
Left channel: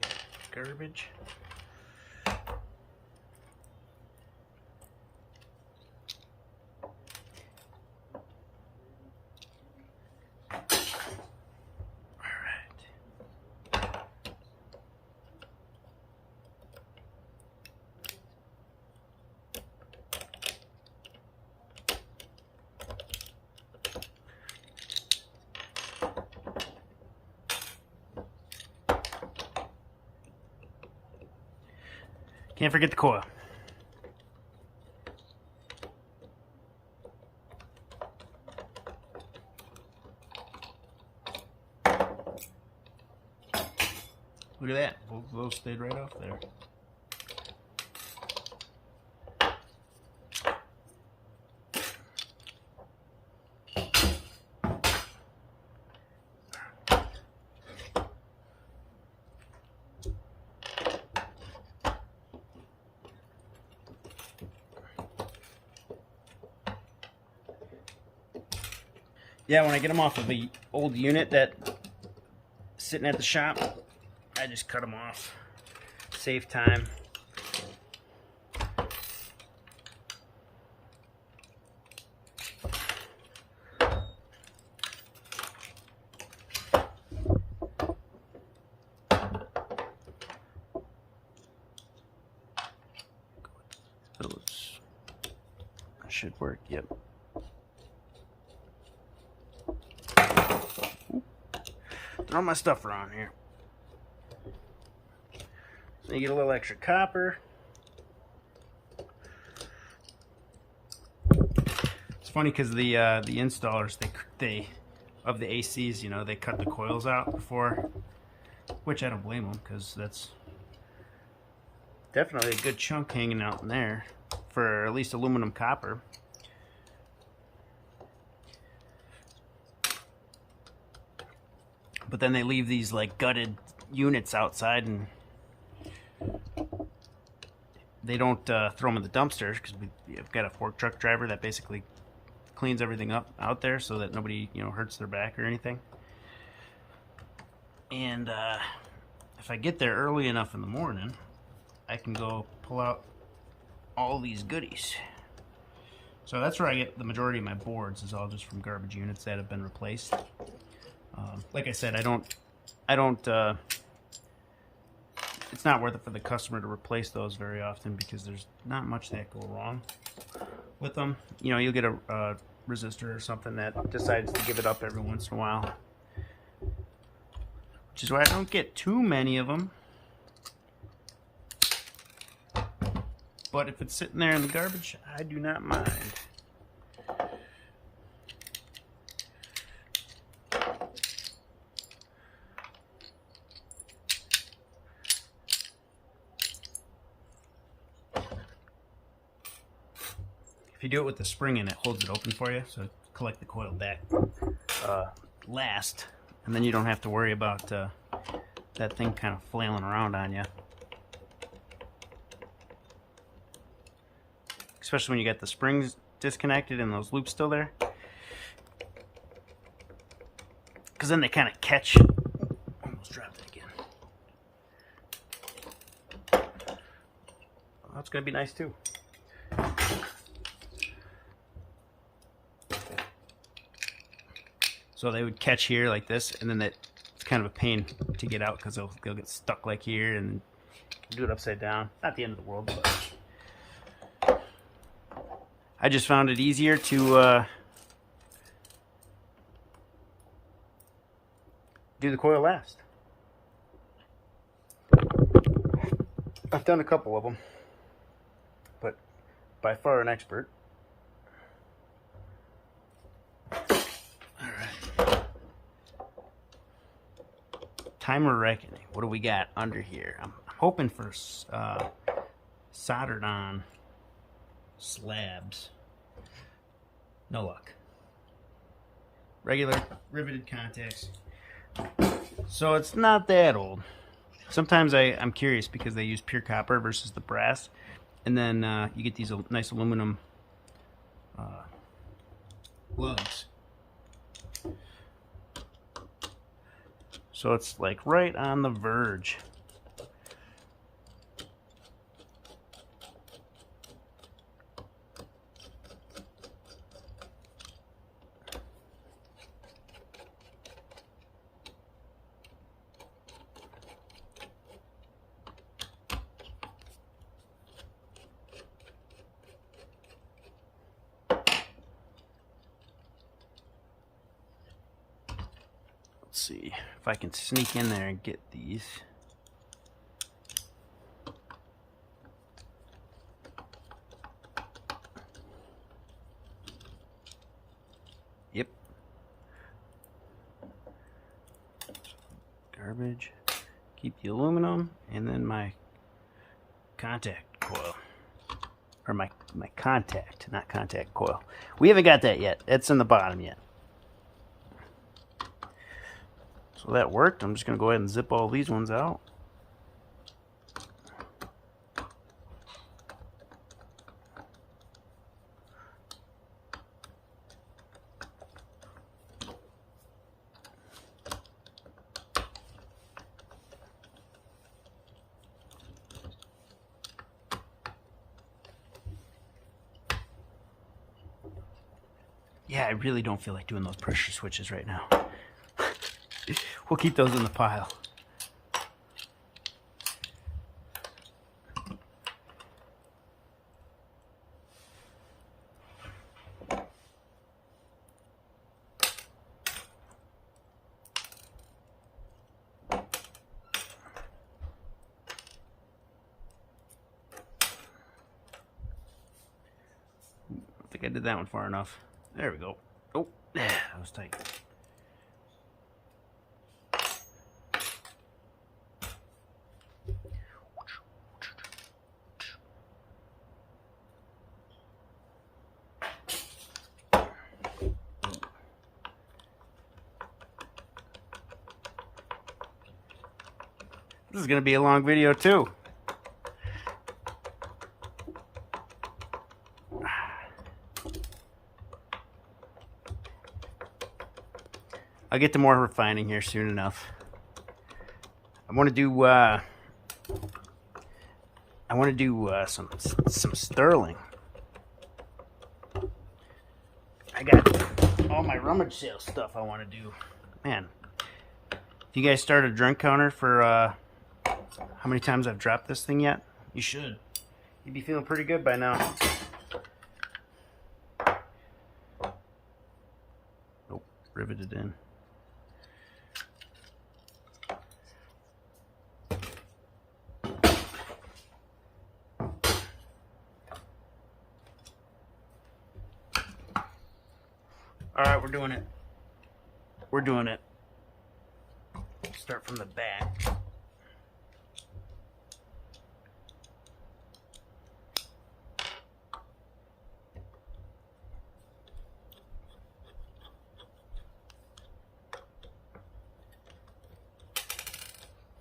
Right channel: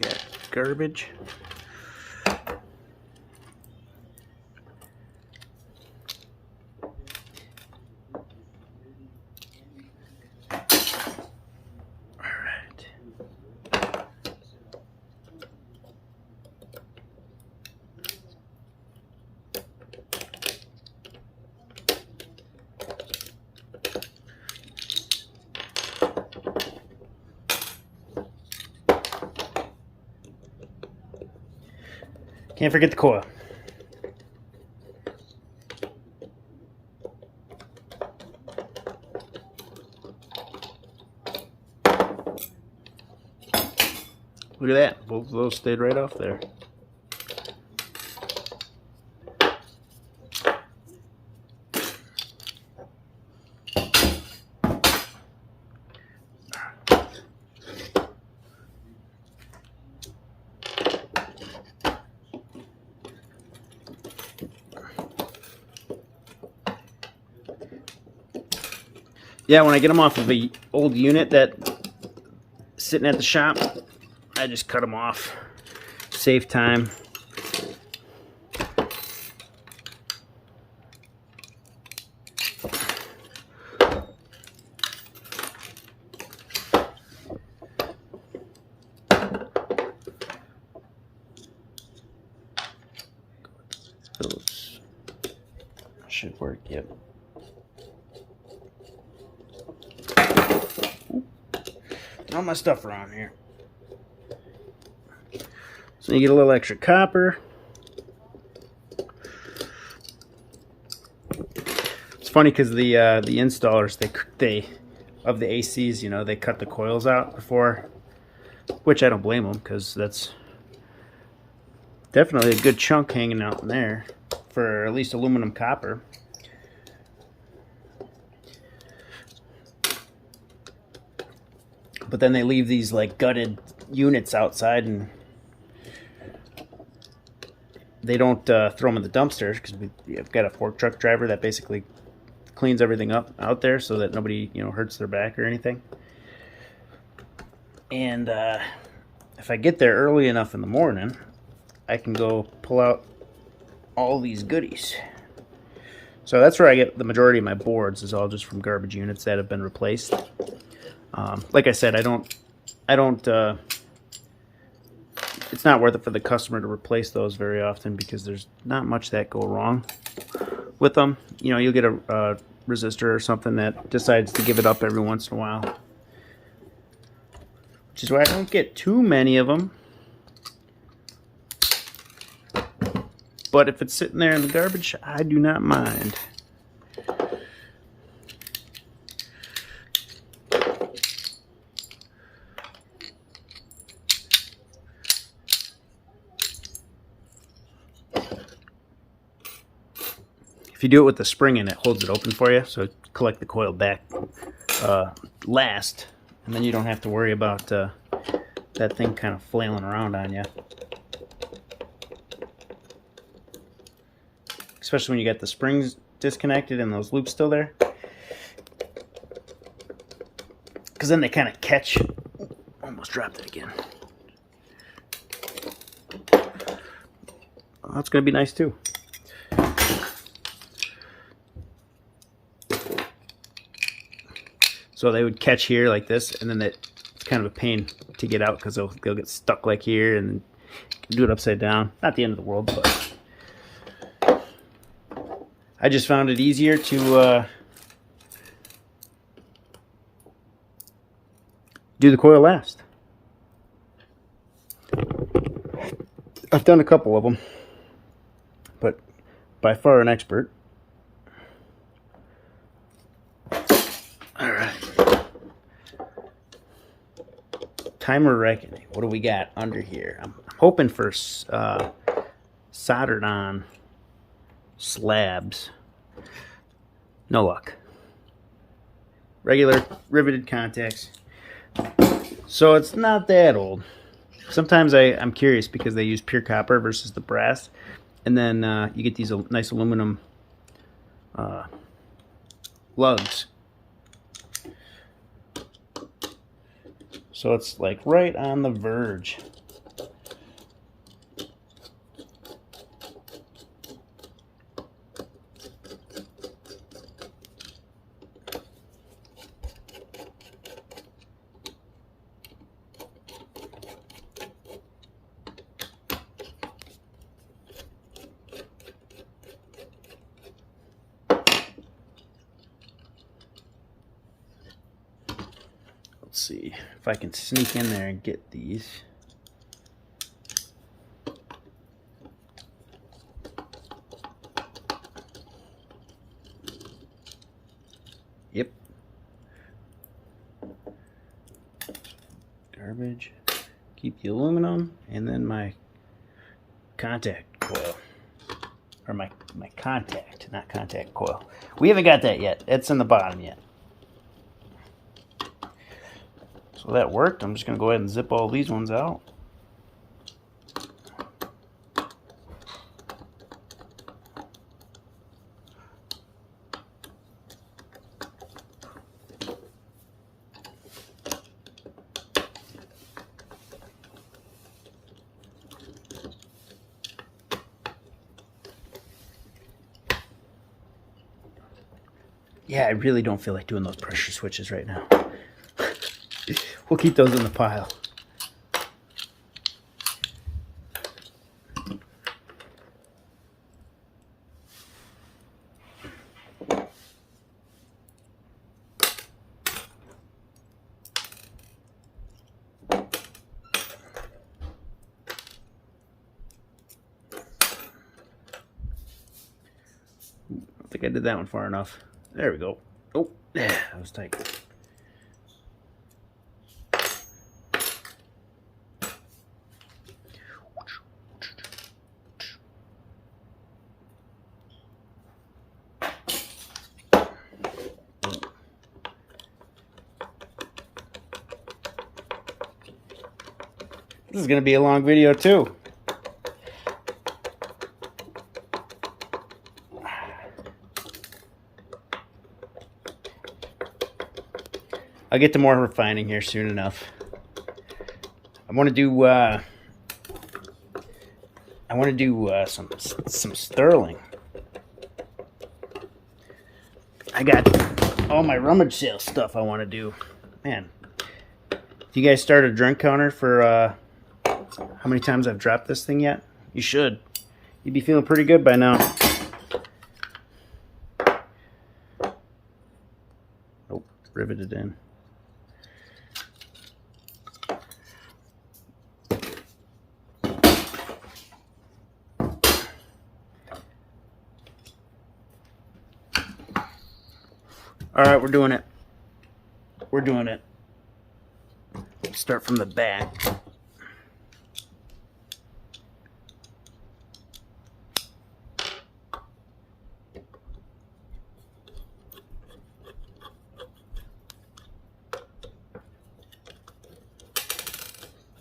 Got garbage. Can't forget the coil. Look at that. Both of those stayed right off there. Yeah, when I get them off of the old unit that's sitting at the shop, I just cut them off. Save time. Those should work, yep. Throw my stuff around here. So you get a little extra copper. It's funny because the installers they of the ACs, you know, they cut the coils out before, which I don't blame them because that's definitely a good chunk hanging out in there for at least aluminum copper. But then they leave these like gutted units outside, and they don't throw them in the dumpsters because we've got a fork truck driver that basically cleans everything up out there so that nobody, you know, hurts their back or anything. And if I get there early enough in the morning, I can go pull out all these goodies. So that's where I get the majority of my boards, is all just from garbage units that have been replaced. Like I said, I don't. It's not worth it for the customer to replace those very often because there's not much that go wrong with them. You know, you'll get a resistor or something that decides to give it up every once in a while, which is why I don't get too many of them. But if it's sitting there in the garbage, I do not mind. If you do it with the spring in, it holds it open for you, so collect the coil back last, and then you don't have to worry about that thing kind of flailing around on you. Especially when you got the springs disconnected and those loops still there, because then they kind of catch. Almost dropped it again. Well, that's going to be nice too. So they would catch here like this, and then it's kind of a pain to get out because they'll get stuck like here, and then do it upside down. Not the end of the world, but I just found it easier to do the coil last. I've done a couple of them, but by far an expert. All right. Timer reckoning. What do we got under here? I'm hoping for soldered on slabs. No luck. Regular riveted contacts. So it's not that old. Sometimes I'm curious because they use pure copper versus the brass, and then you get these nice aluminum lugs. So it's like right on the verge. Let's see if I can sneak in there and get these. Yep. Garbage. Keep the aluminum, and then my contact coil. Or my contact, not contact coil. We haven't got that yet. It's in the bottom yet. So that worked. I'm just going to go ahead and zip all these ones out. Yeah, I really don't feel like doing those pressure switches right now. We'll keep those in the pile. I think I did that one far enough. There we go. Oh, yeah, that was tight. This is going to be a long video too. I'll get to more refining here soon enough. I want to do some sterling. I got all my rummage sale stuff I want to do. Man, if you guys started a drunk counter for how many times I've dropped this thing yet, you should. You'd be feeling pretty good by now. Oh, riveted in. All right, we're doing it. We're doing it. Start from the back.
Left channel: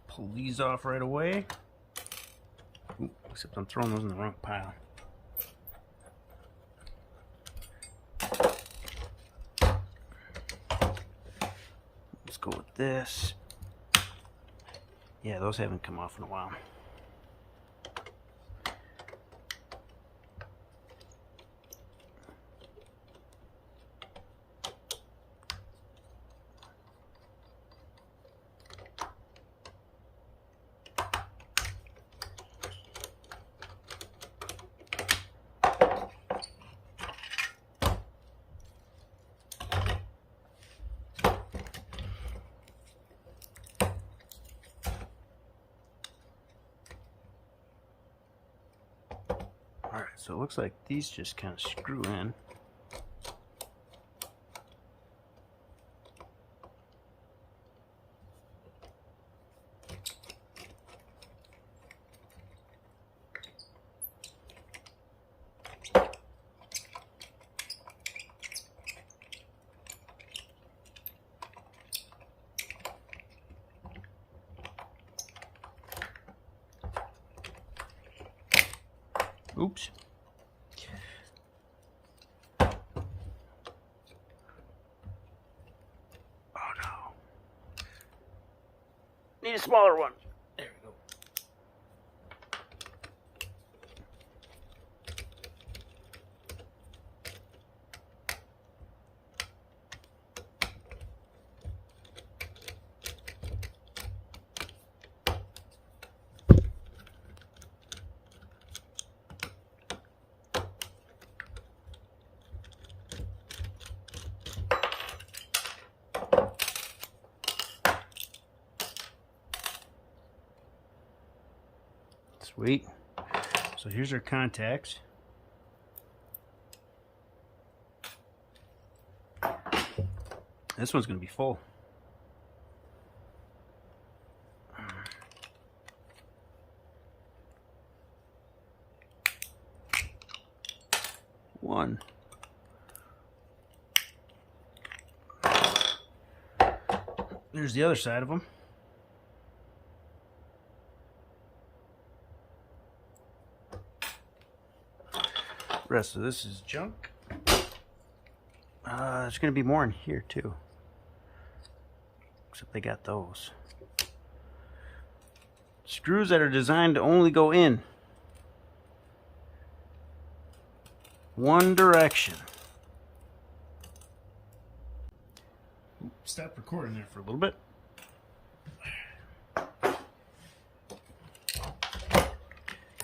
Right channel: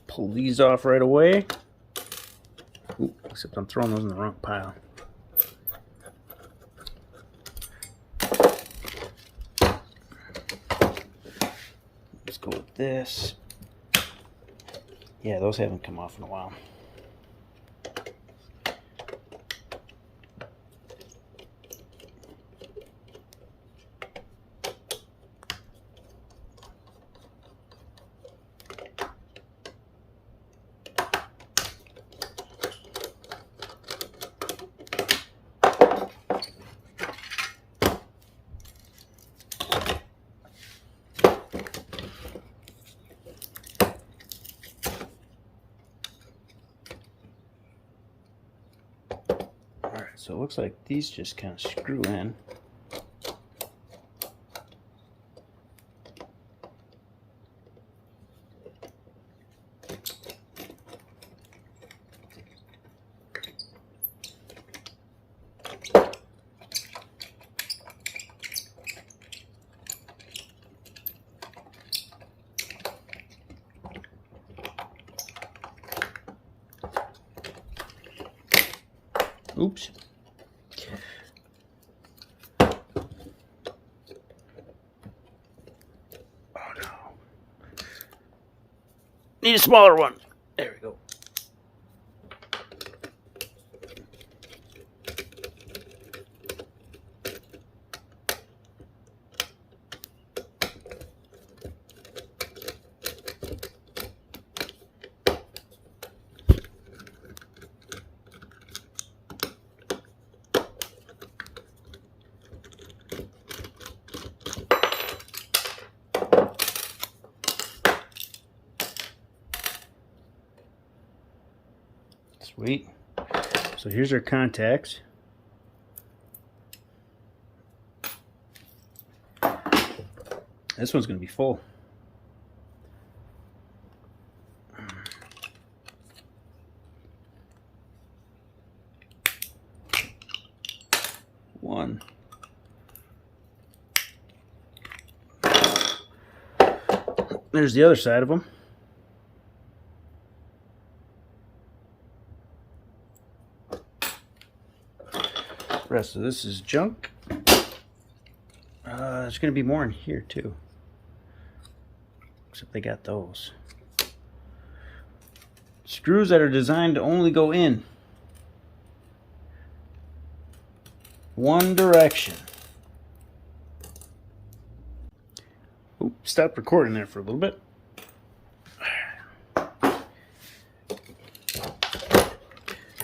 Pull these off right away. Ooh, except I'm throwing those in the wrong pile. Let's go with this. Yeah, those haven't come off in a while. Alright, so it looks like these just kind of screw in. Oops. Oh no. Need a smaller one. There we go. Sweet. So here's our contacts. This one's going to be full. One. There's the other side of them. The rest of this is junk. There's going to be more in here too. Except they got those. Screws that are designed to only go in one direction. Oops, stop recording there for a little bit.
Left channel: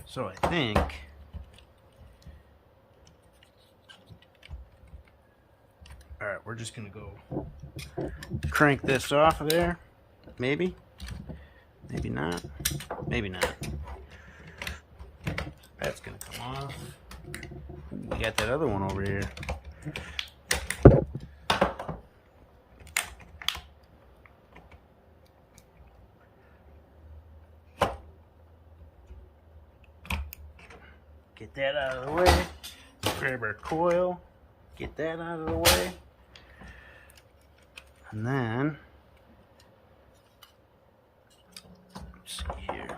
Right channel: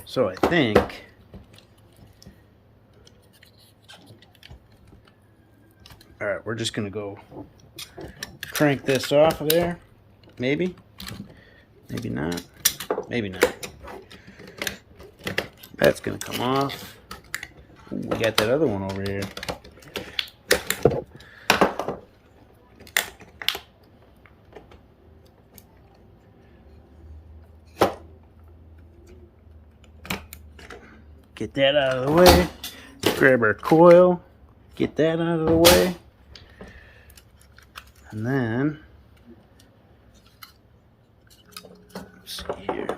So I think alright, we're just gonna go crank this off of there. Maybe. Maybe not. Maybe not. That's gonna come off. Ooh, we got that other one over here. Get that out of the way. Grab our coil. Get that out of the way. And then, let's see here.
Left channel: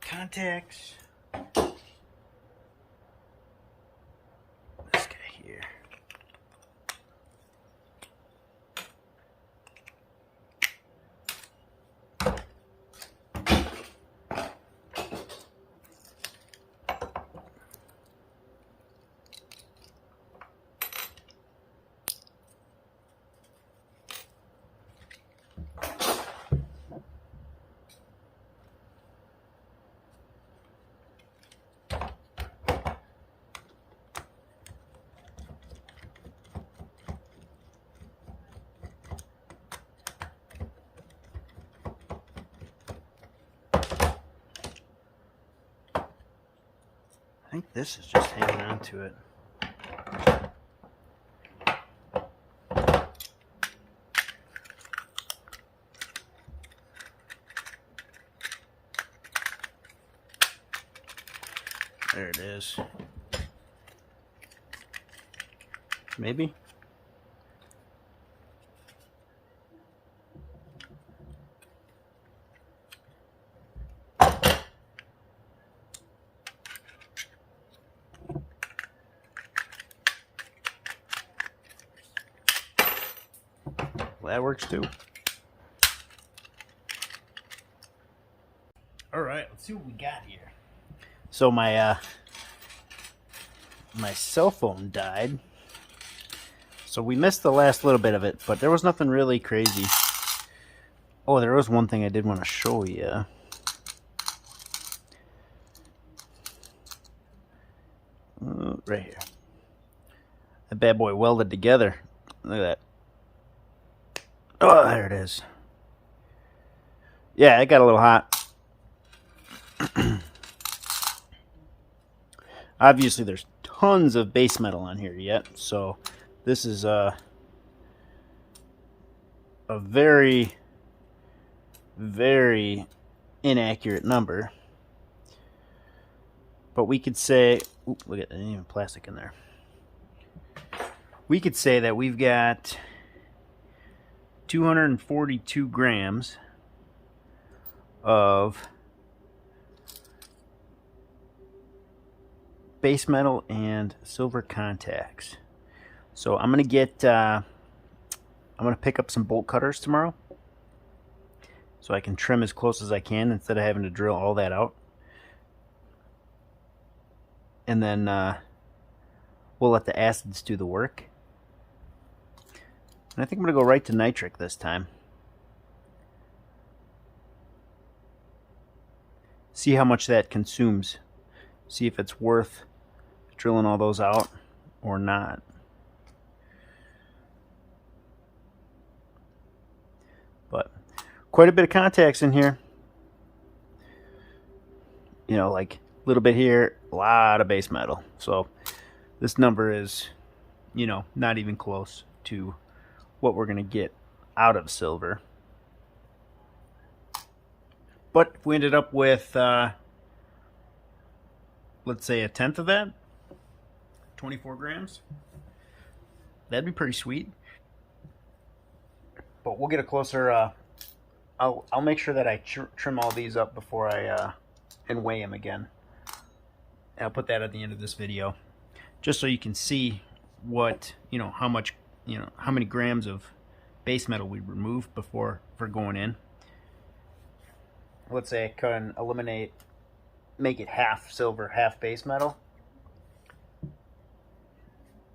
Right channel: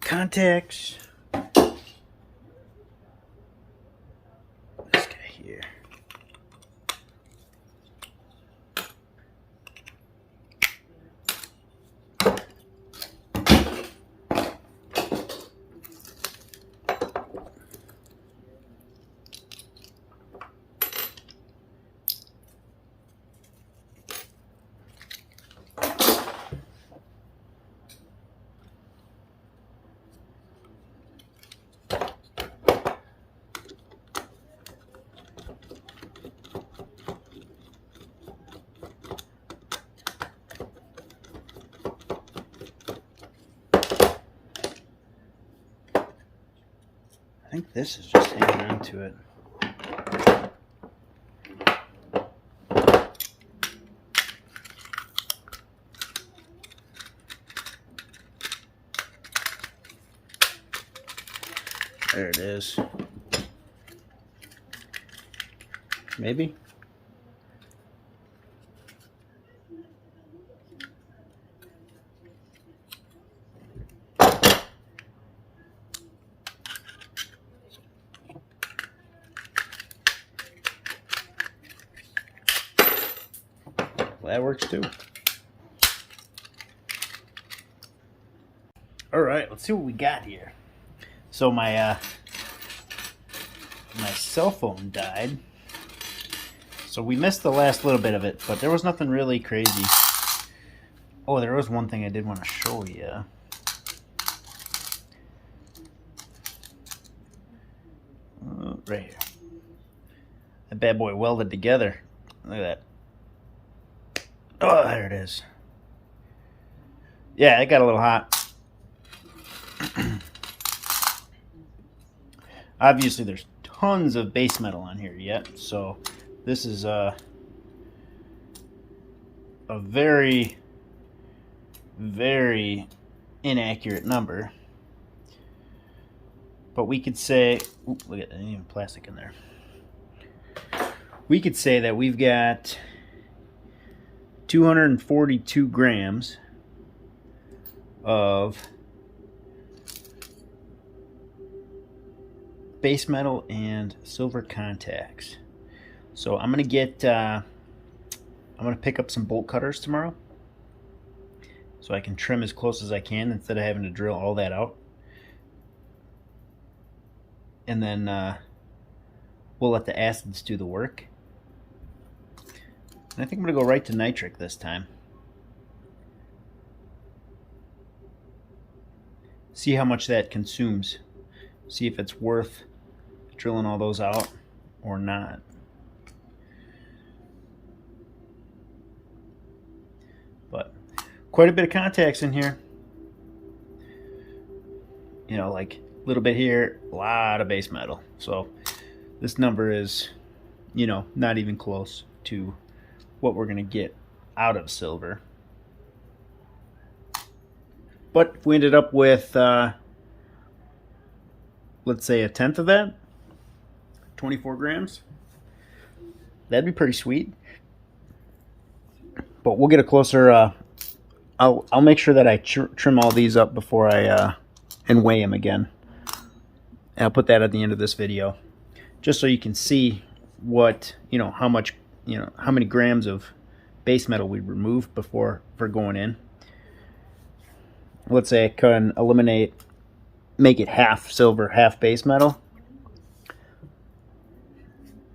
Contacts. This guy here. I think this is just hanging on to it. There it is. Maybe. Well, that works too. All right, let's see what we got here. So my cell phone died. So we missed the last little bit of it, but there was nothing really crazy. Oh, there was one thing I did want to show you. Right here. That bad boy welded together. Look at that. Oh, there it is. Yeah, it got a little hot. Obviously, there's tons of base metal on here yet, so this is a very, very inaccurate number. But we could say, ooh, look at that, even plastic in there. We could say that we've got 242 grams of base metal and silver contacts. So I'm gonna get I'm gonna pick up some bolt cutters tomorrow so I can trim as close as I can instead of having to drill all that out. And then we'll let the acids do the work. And I think I'm gonna go right to nitric this time. See how much that consumes. See if it's worth drilling all those out or not. But quite a bit of contacts in here. You know, like a little bit here, a lot of base metal. So this number is, you know, not even close to what we're going to get out of silver. But if we ended up with, let's say, a tenth of that, 24 grams, that'd be pretty sweet. But we'll get a closer, I'll make sure that I trim all these up before I, and weigh them again. And I'll put that at the end of this video, just so you can see what, you know, how much, you know, how many grams of base metal we removed before for going in. Let's say I can eliminate, make it half silver, half base metal.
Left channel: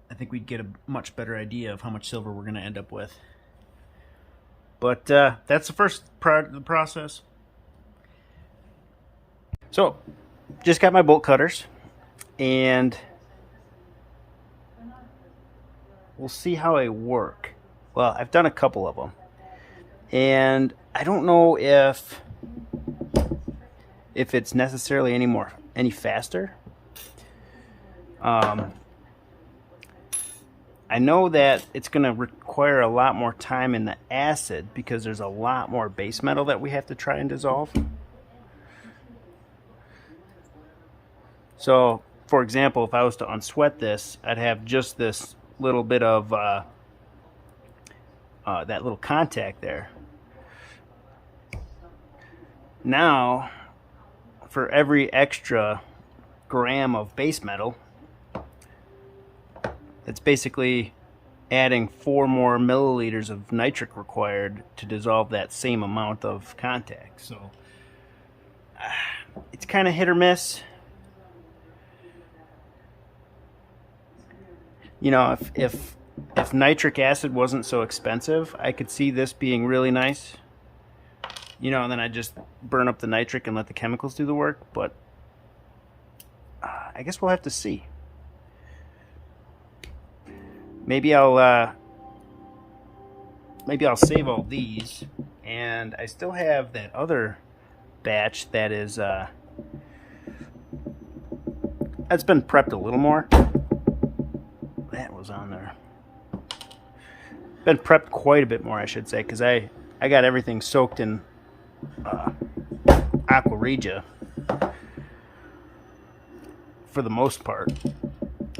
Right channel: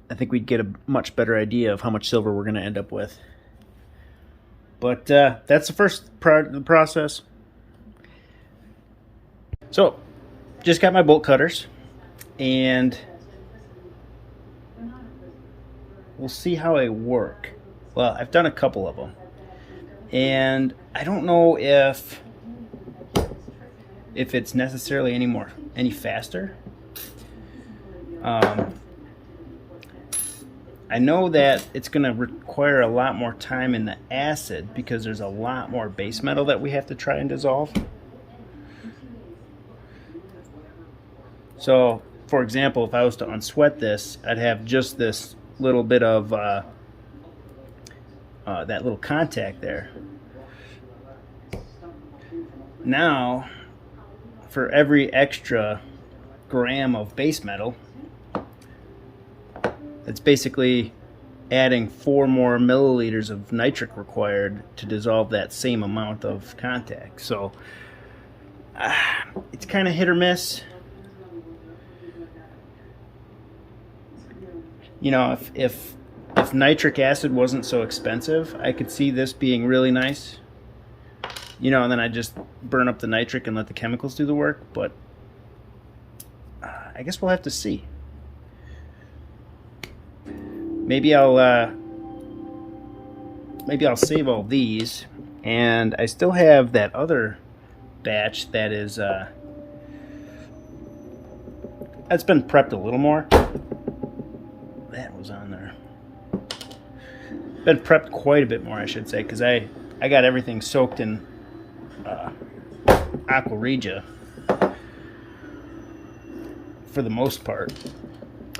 I think we'd get a much better idea of how much silver we're going to end up with. But that's the first process. So, just got my bolt cutters, and we'll see how they work. Well, I've done a couple of them, and I don't know if it's necessarily any faster. I know that it's going to require a lot more time in the acid because there's a lot more base metal that we have to try and dissolve. So, for example, if I was to unsweat this, I'd have just this little bit of that little contact there. Now, for every extra gram of base metal, it's basically adding 4 more milliliters of nitric required to dissolve that same amount of contact. So it's kind of hit or miss. You know, if nitric acid wasn't so expensive, I could see this being really nice. You know, and then I just burn up the nitric and let the chemicals do the work. But I guess we'll have to see. Maybe I'll save all these, and I still have that other batch that is that's been prepped a little more. That was on there. Been prepped quite a bit more, I should say, because I got everything soaked in aqua regia for the most part.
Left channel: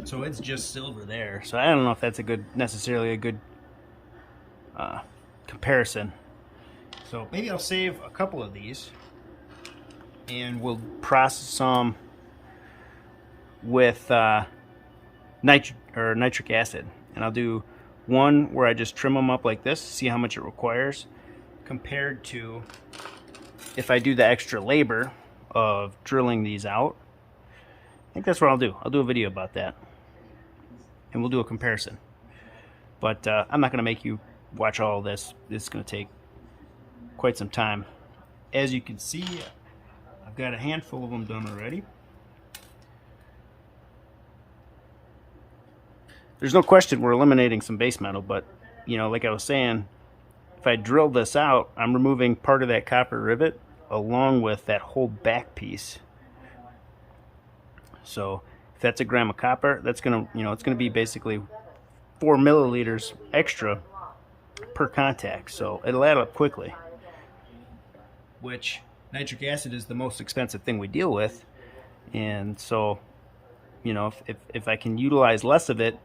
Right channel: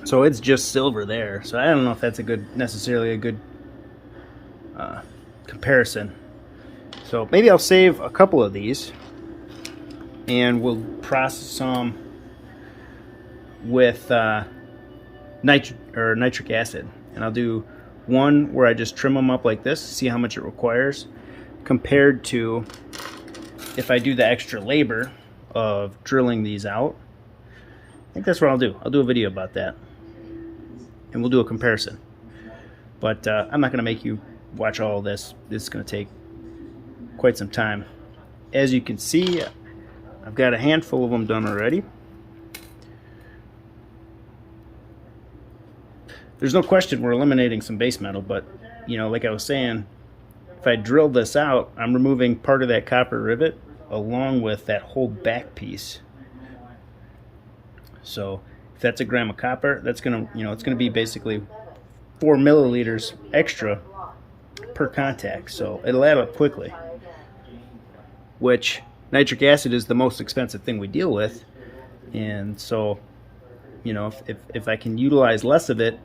So it's just silver there. So I don't know if that's necessarily a good comparison. So maybe I'll save a couple of these, and we'll process some with nitric acid. And I'll do one where I just trim them up like this, see how much it requires, compared to if I do the extra labor of drilling these out. I think that's what I'll do. I'll do a video about that, and we'll do a comparison. But I'm not going to make you watch all of this. This is going to take quite some time. As you can see, I've got a handful of them done already. There's no question we're eliminating some base metal, but, you know, like I was saying, if I drill this out, I'm removing part of that copper rivet along with that whole back piece. So If that's a gram of copper, that's gonna, it's gonna be basically 4 milliliters extra per contact, so it'll add up quickly. Which nitric acid is the most expensive thing we deal with, and so, if I can utilize less of it,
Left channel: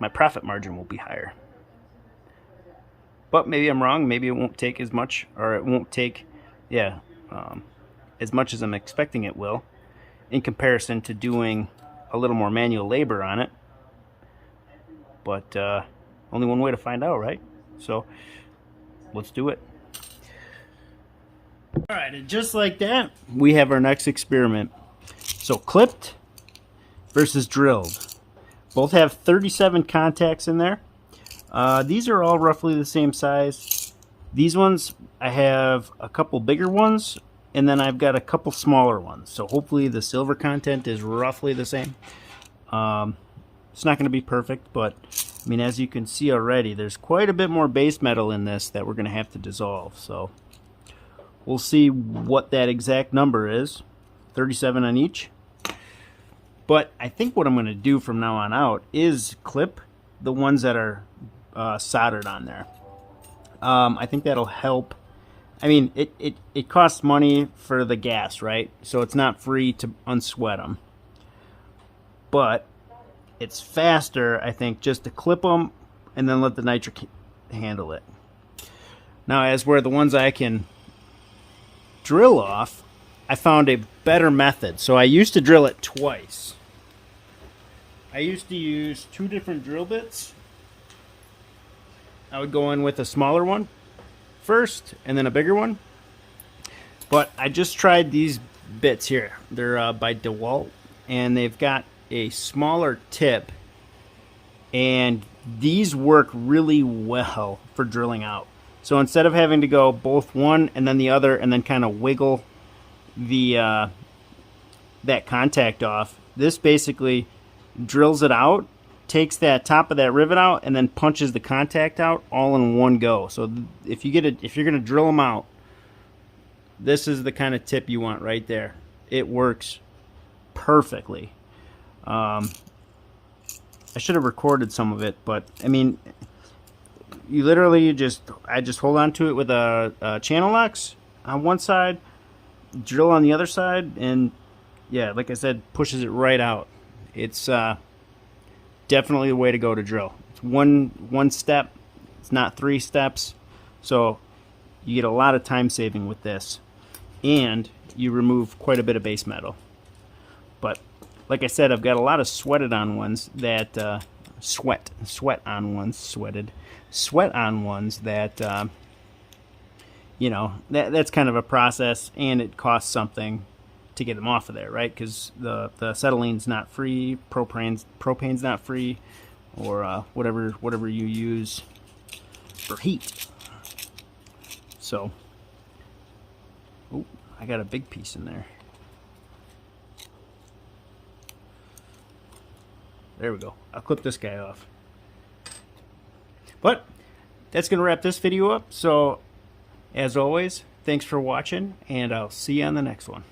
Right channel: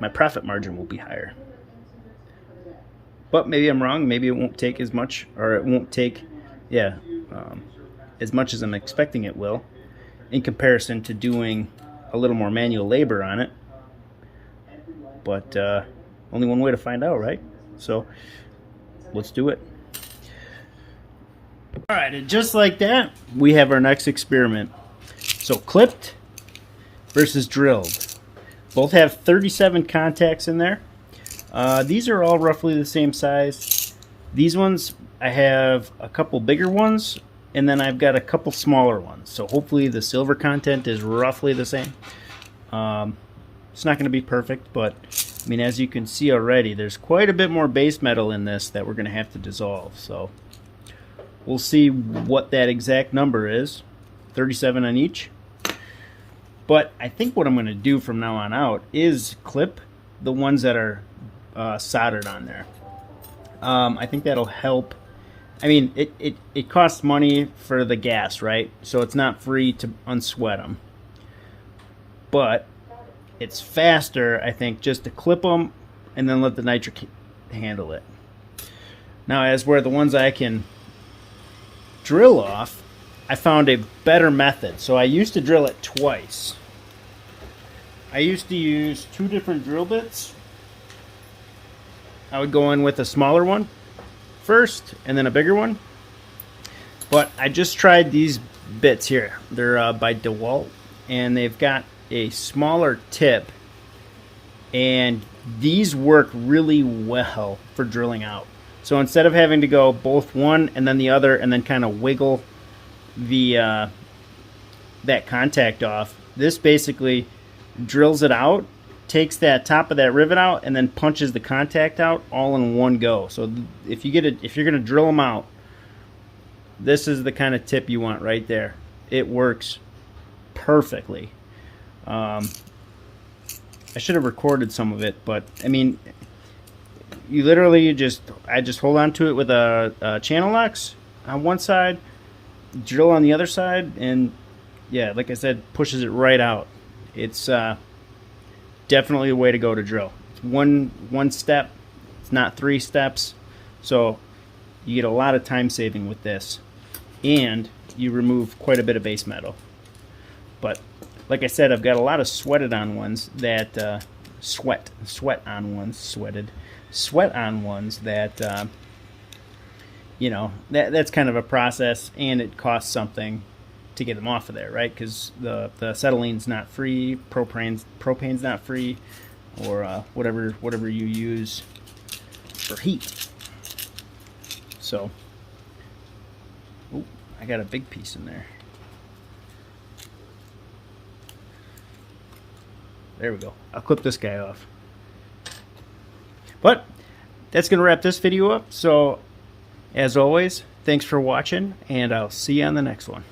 my profit margin will be higher. But maybe I'm wrong. Maybe it won't take as much, or it won't take, as much as I'm expecting it will, in comparison to doing a little more manual labor on it. But only one way to find out, right? So let's do it. All right, and just like that, we have our next experiment. So clipped versus drilled. Both have 37 contacts in there. These are all roughly the same size. These ones, I have a couple bigger ones, and then I've got a couple smaller ones. So hopefully the silver content is roughly the same. It's not going to be perfect, but I mean, as you can see already, there's quite a bit more base metal in this that we're going to have to dissolve. So we'll see what that exact number is. 37 on each. But I think what I'm going to do from now on out is clip the ones that are soldered on there. I think that'll help. I mean, it costs money for the gas, right? So it's not free to unsweat them. But it's faster, I think, just to clip them and then let the nitric handle it. Now, as where the ones I can drill off, I found a better method. So I used to drill it twice. I used to use 2 different drill bits. I would go in with a smaller one first and then a bigger one. But I just tried these bits here. They're by DeWalt, and they've got a smaller tip, and these work really well for drilling out. So instead of having to go both one and then the other and then kind of wiggle the that contact off, this basically drills it out, takes that top of that rivet out, and then punches the contact out all in one go. So if you're going to drill them out, this is the kind of tip you want right there. It works perfectly. I should have recorded some of it, but I mean, you literally I just hold on to it with a channel locks on one side, drill on the other side, and yeah, like I said, pushes it right out. It's definitely a way to go to drill. It's one step. It's not 3 steps, so you get a lot of time saving with this, and you remove quite a bit of base metal. But like I said, I've got a lot of sweat on ones that sweat on ones that that's kind of a process, and it costs something to get them off of there, right? Because the acetylene's not free, propane's not free, or whatever you use for heat. So, I got a big piece in there. There we go. I'll clip this guy off. But that's going to wrap this video up. So, as always, thanks for watching, and I'll see you on the next one.